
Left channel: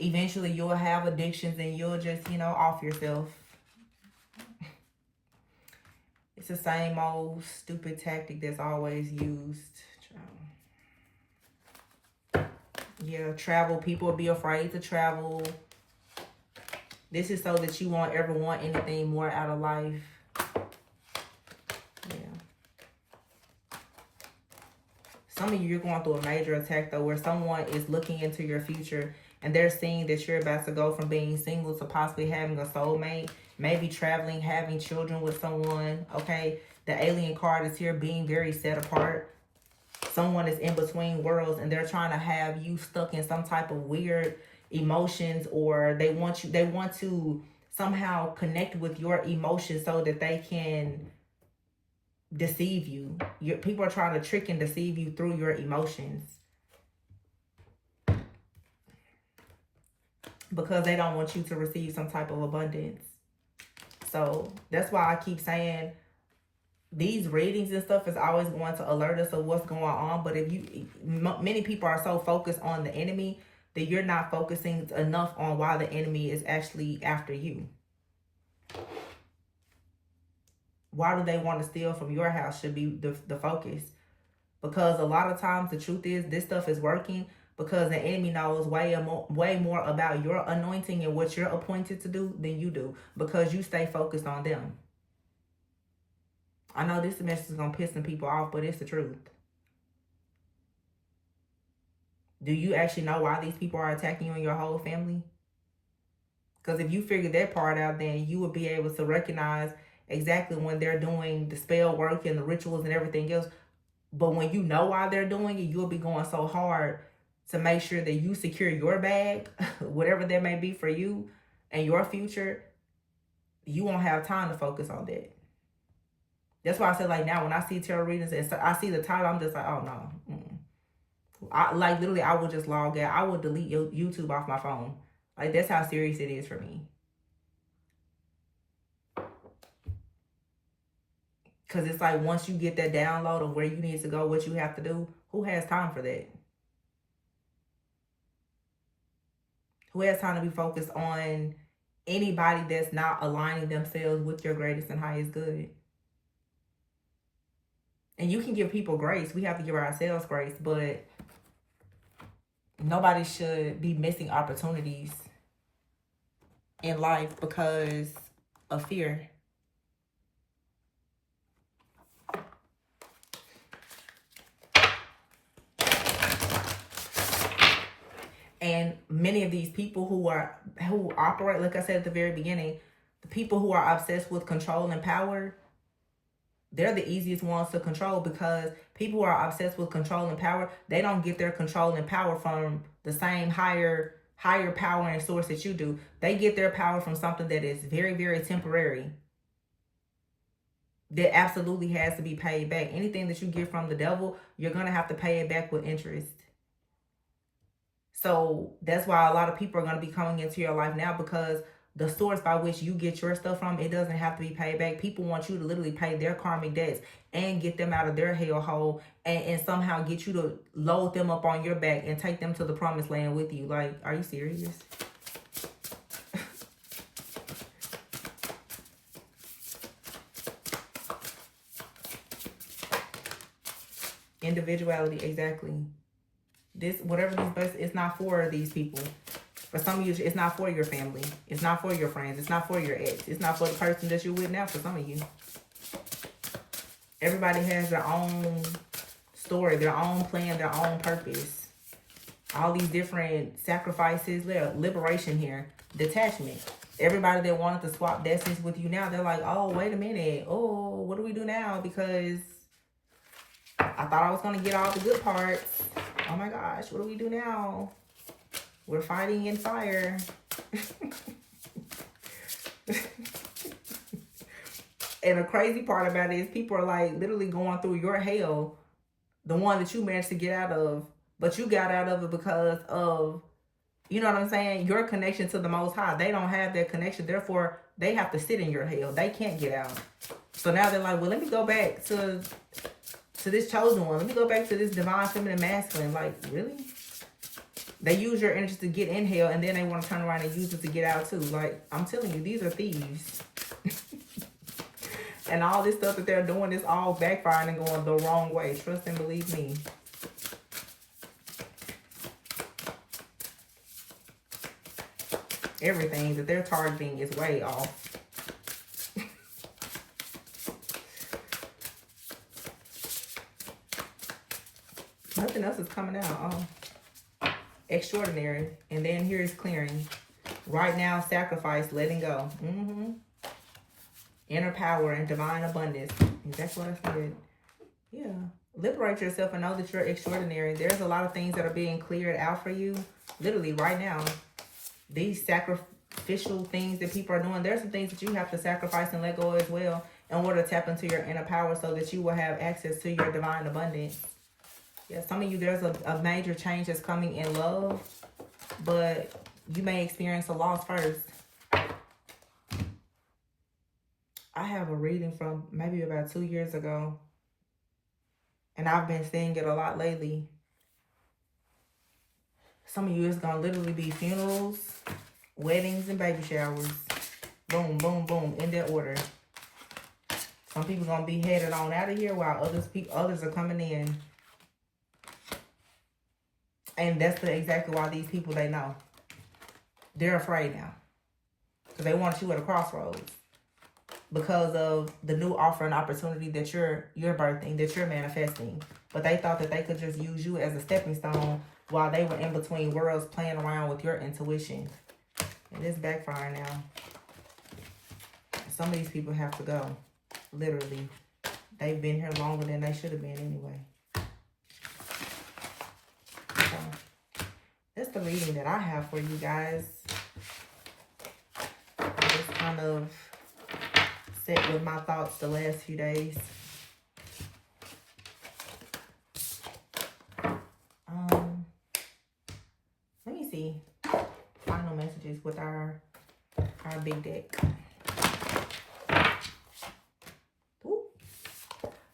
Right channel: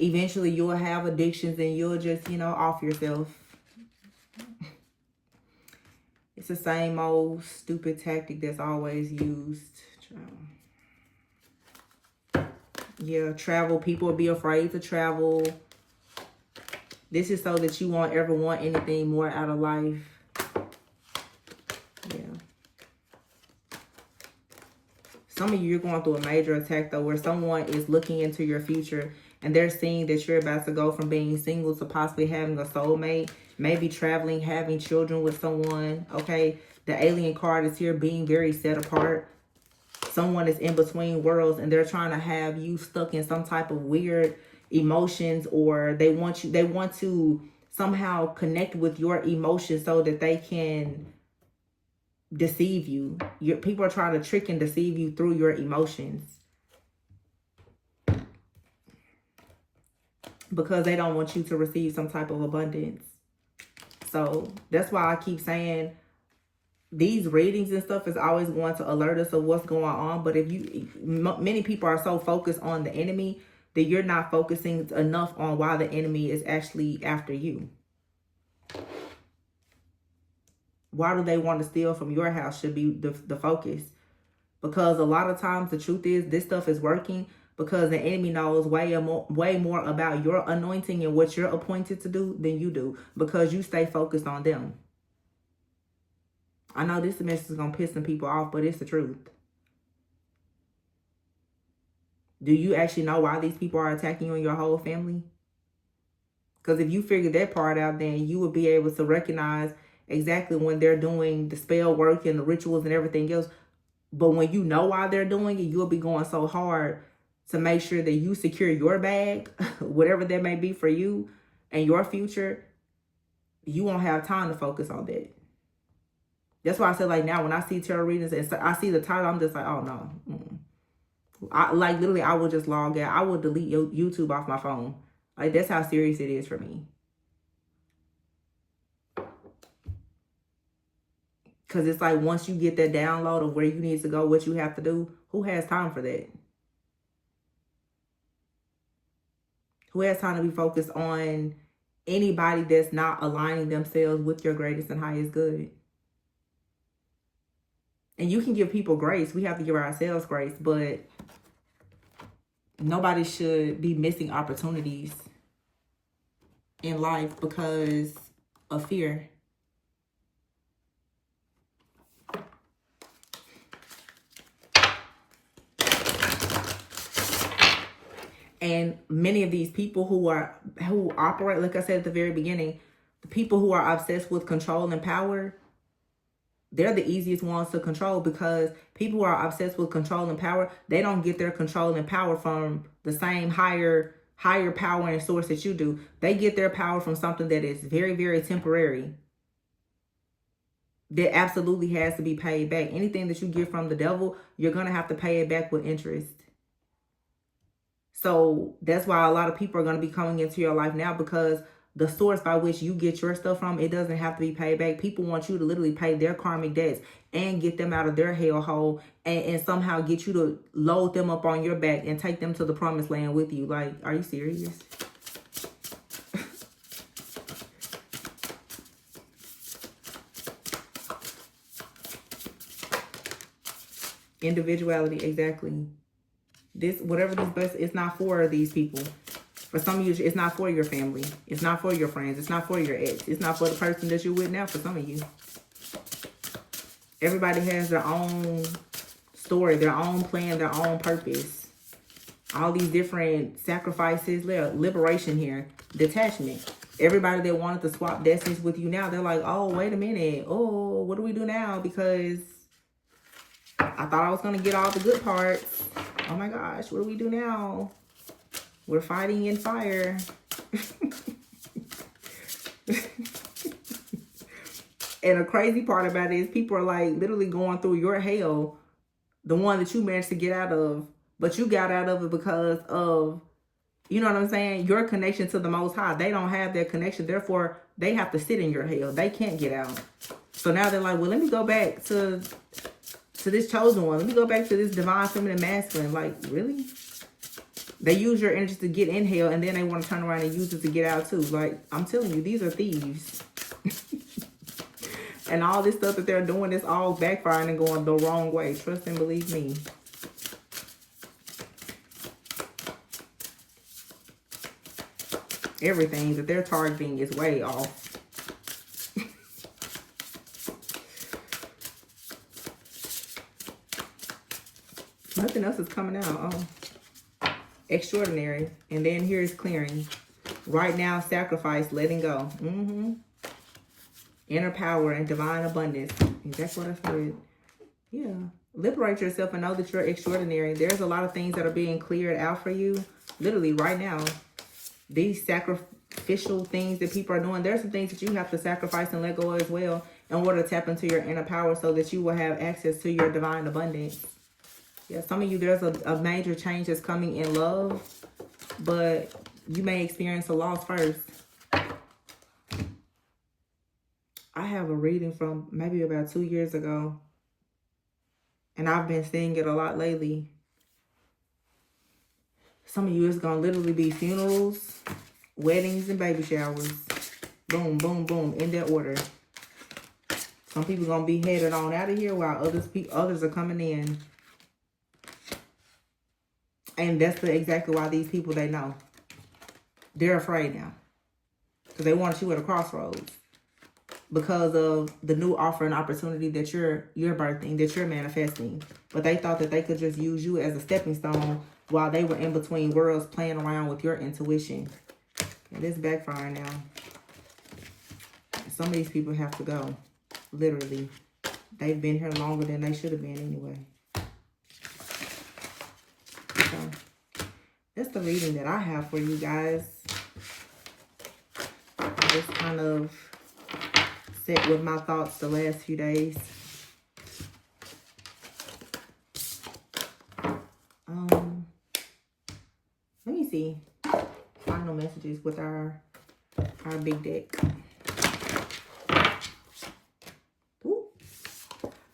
Eventually, you'll have addictions and you'll just, you know, off yourself. It's the same old stupid tactic that's always used. Yeah, travel. People will be afraid to travel. This is so that you won't ever want anything more out of life. Yeah. Some of you, you're going through a major attack, though, where someone is looking into your future and they're seeing that you're about to go from being single to possibly having a soulmate, maybe traveling, having children with someone, okay? The alien card is here, being very set apart. Someone is in between worlds and they're trying to have you stuck in some type of weird emotions, or they want to somehow connect with your emotions so that they can deceive you. People are trying to trick and deceive you through your emotions because they don't want you to receive some type of abundance. So that's why I keep saying these readings and stuff is always going to alert us of what's going on. But if many people are so focused on the enemy that you're not focusing enough on why the enemy is actually after you. Why do they want to steal from your house should be the focus. Because a lot of times the truth is this stuff is working because the enemy knows way more about your anointing and what you're appointed to do than you do, because you stay focused on them. I know this message is going to piss some people off, but it's the truth. Do you actually know why these people are attacking you and your whole family? Because if you figure that part out, then you will be able to recognize exactly when they're doing the spell work and the rituals and everything else. But when you know why they're doing it, you'll be going so hard to make sure that you secure your bag, whatever that may be for you and your future. You won't have time to focus on that. That's why I said, like, now when I see tarot readings and I see the title, I'm just like, oh no. Literally, I would just log out. I would delete YouTube off my phone. Like, that's how serious it is for me. Because it's like, once you get that download of where you need to go, what you have to do, who has time for that? Who has time to be focused on anybody that's not aligning themselves with your greatest and highest good? And you can give people grace. We have to give ourselves grace, but nobody should be missing opportunities in life because of fear. And many of these people who operate, like I said at the very beginning, the people who are obsessed with control and power, they're the easiest ones to control, because people who are obsessed with control and power, they don't get their control and power from the same higher power and source that you do. They get their power from something that is very, very temporary, that absolutely has to be paid back. Anything that you get from the devil, you're going to have to pay it back with interest. So that's why a lot of people are going to be coming into your life now, because the source by which you get your stuff from, it doesn't have to be paid back. People want you to literally pay their karmic debts and get them out of their hellhole, and somehow get you to load them up on your back and take them to the promised land with you. Like, are you serious? Individuality, exactly. This, whatever this best, it's not for these people. For some of you, it's not for your family. It's not for your friends. It's not for your ex. It's not for the person that you're with now. For some of you, everybody has their own story, their own plan, their own purpose. All these different sacrifices, liberation here, detachment. Everybody that wanted to swap destinies with you now, they're like, oh, wait a minute. Oh, what do we do now? Because I thought I was going to get all the good parts. Oh my gosh, what do we do now? We're fighting in fire. And the crazy part about it is people are like literally going through your hell, the one that you managed to get out of, but you got out of it because of, you know what I'm saying, your connection to the Most High. They don't have that connection, therefore they have to sit in your hell. They can't get out. So now they're like, well, let me go back to this chosen one. Let me go back to this divine feminine masculine. Like, really? They use your energy to get in hell, and then they want to turn around and use it to get out too. Like, I'm telling you, these are thieves. And all this stuff that they're doing is all backfiring and going the wrong way. Trust and believe me. Everything that they're targeting is way off. Nothing else is coming out. Extraordinary. And then here's clearing. Right now, sacrifice, letting go. Inner power and divine abundance. And that's what I said. Yeah. Liberate yourself and know that you're extraordinary. There's a lot of things that are being cleared out for you. Literally right now. These sacrificial things that people are doing. There's some things that you have to sacrifice and let go as well in order to tap into your inner power so that you will have access to your divine abundance. Yeah, some of you, there's a major change that's coming in love, but you may experience a loss first. I have a reading from maybe about 2 years ago, and I've been seeing it a lot lately. Some of you, it's going to literally be funerals, weddings, and baby showers. Boom, boom, boom, in that order. Some people going to be headed on out of here while others are coming in. And that's exactly why these people, they know. They're afraid now. Because they want you at a crossroads. Because of the new offer and opportunity that you're birthing, that you're manifesting. But they thought that they could just use you as a stepping stone while they were in between worlds playing around with your intuition. And it's backfiring now. Some of these people have to go. Literally. They've been here longer than they should have been anyway. That's the reading that I have for you guys. Just kind of set with my thoughts the last few days. Let me see. Final messages with our big deck. Ooh.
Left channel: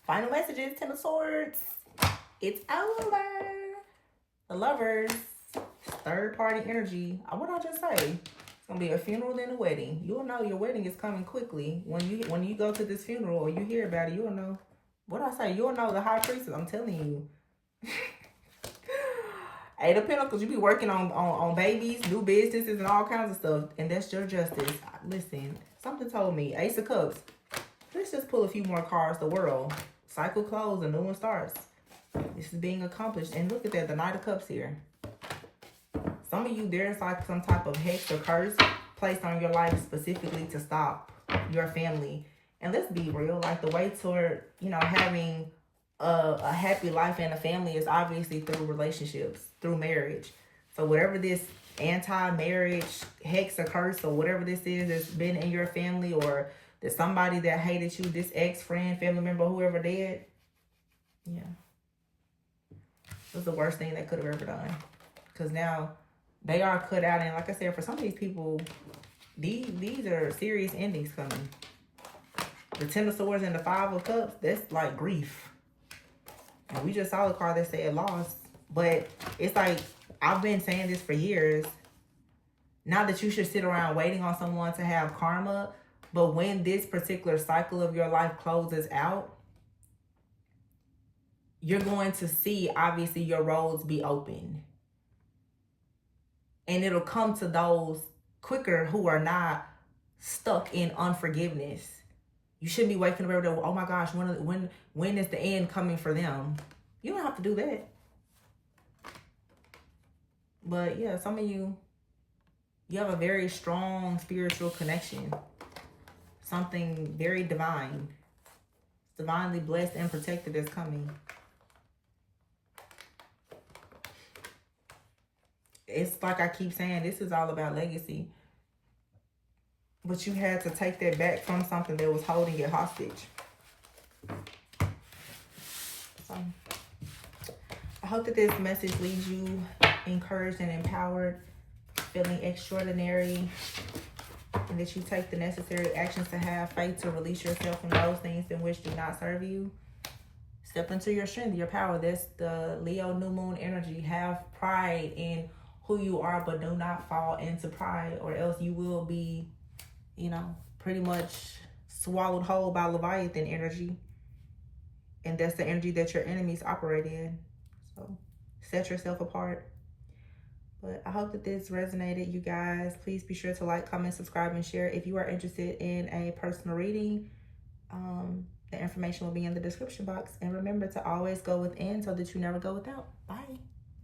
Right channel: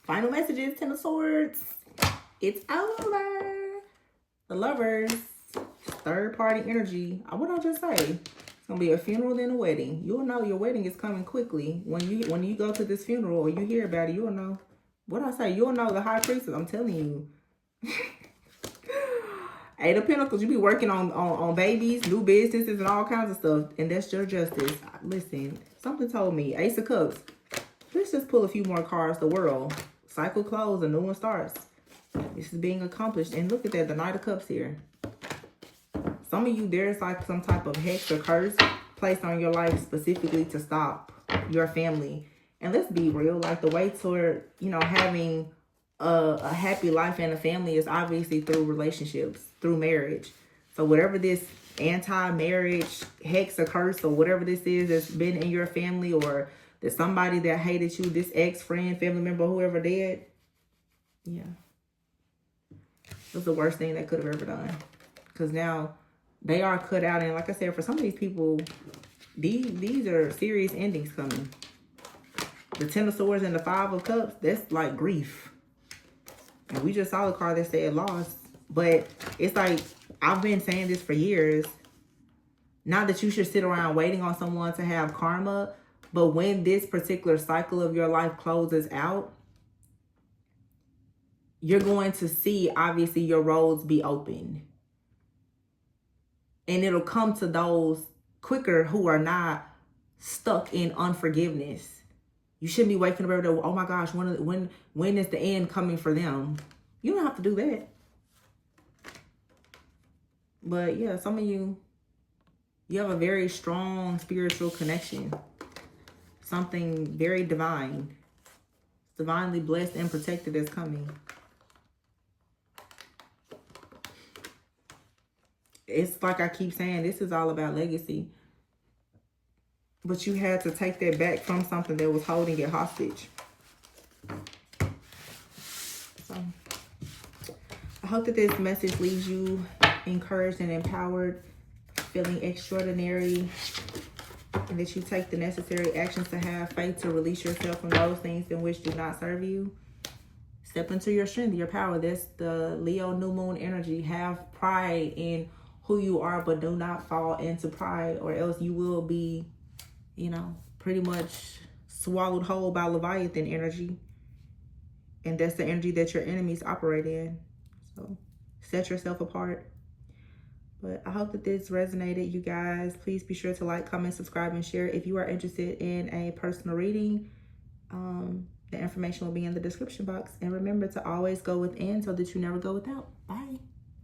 Final messages, Ten of Swords. It's over. The Lovers. Third party energy. What did I just say? It's gonna be a funeral and a wedding. You'll know your wedding is coming quickly. When you go to this funeral or you hear about it, you'll know. What did I say? You'll know the high priestess. I'm telling you. Eight of Pentacles. You be working on babies, new businesses, and all kinds of stuff. And that's your justice. Listen, something told me. Ace of Cups. Let's just pull a few more cards. The World. Cycle closed. A new one starts. This is being accomplished. And look at that. The Knight of Cups here. Some of you, there's like some type of hex or curse placed on your life specifically to stop your family. And let's be real, like the way toward, having a happy life and a family is obviously through relationships, through marriage. So whatever this anti-marriage hex or curse or whatever this is that's been in your family, or that somebody that hated you, this ex-friend, family member, whoever did, yeah. It was the worst thing they could have ever done. Because now they are cut out. And like I said, for some of these people, these are serious endings coming. The Ten of Swords and the Five of Cups, that's like grief. And we just saw a card that said loss. But it's like, I've been saying this for years. Not that you should sit around waiting on someone to have karma. But when this particular cycle of your life closes out, you're going to see, obviously, your roads be open. And it'll come to those quicker who are not stuck in unforgiveness. You shouldn't be waking up every day, oh my gosh, when is the end coming for them? You don't have to do that. But yeah, some of you have a very strong spiritual connection. Something very divine. Divinely blessed and protected is coming. It's like I keep saying, this is all about legacy. But you had to take that back from something that was holding it hostage. So, I hope that this message leaves you encouraged and empowered, feeling extraordinary, and that you take the necessary actions to have faith to release yourself from those things in which do not serve you. Step into your strength, your power. That's the Leo new moon energy. Have pride in who you are, but do not fall into pride, or else you will be, you know, pretty much swallowed whole by Leviathan energy. And that's the energy that your enemies operate in. So set yourself apart. But I hope that this resonated, you guys. Please be sure to like, comment, subscribe, and share. If you are interested in a personal reading, the information will be in the description box. And remember to always go within so that you never go without. Bye.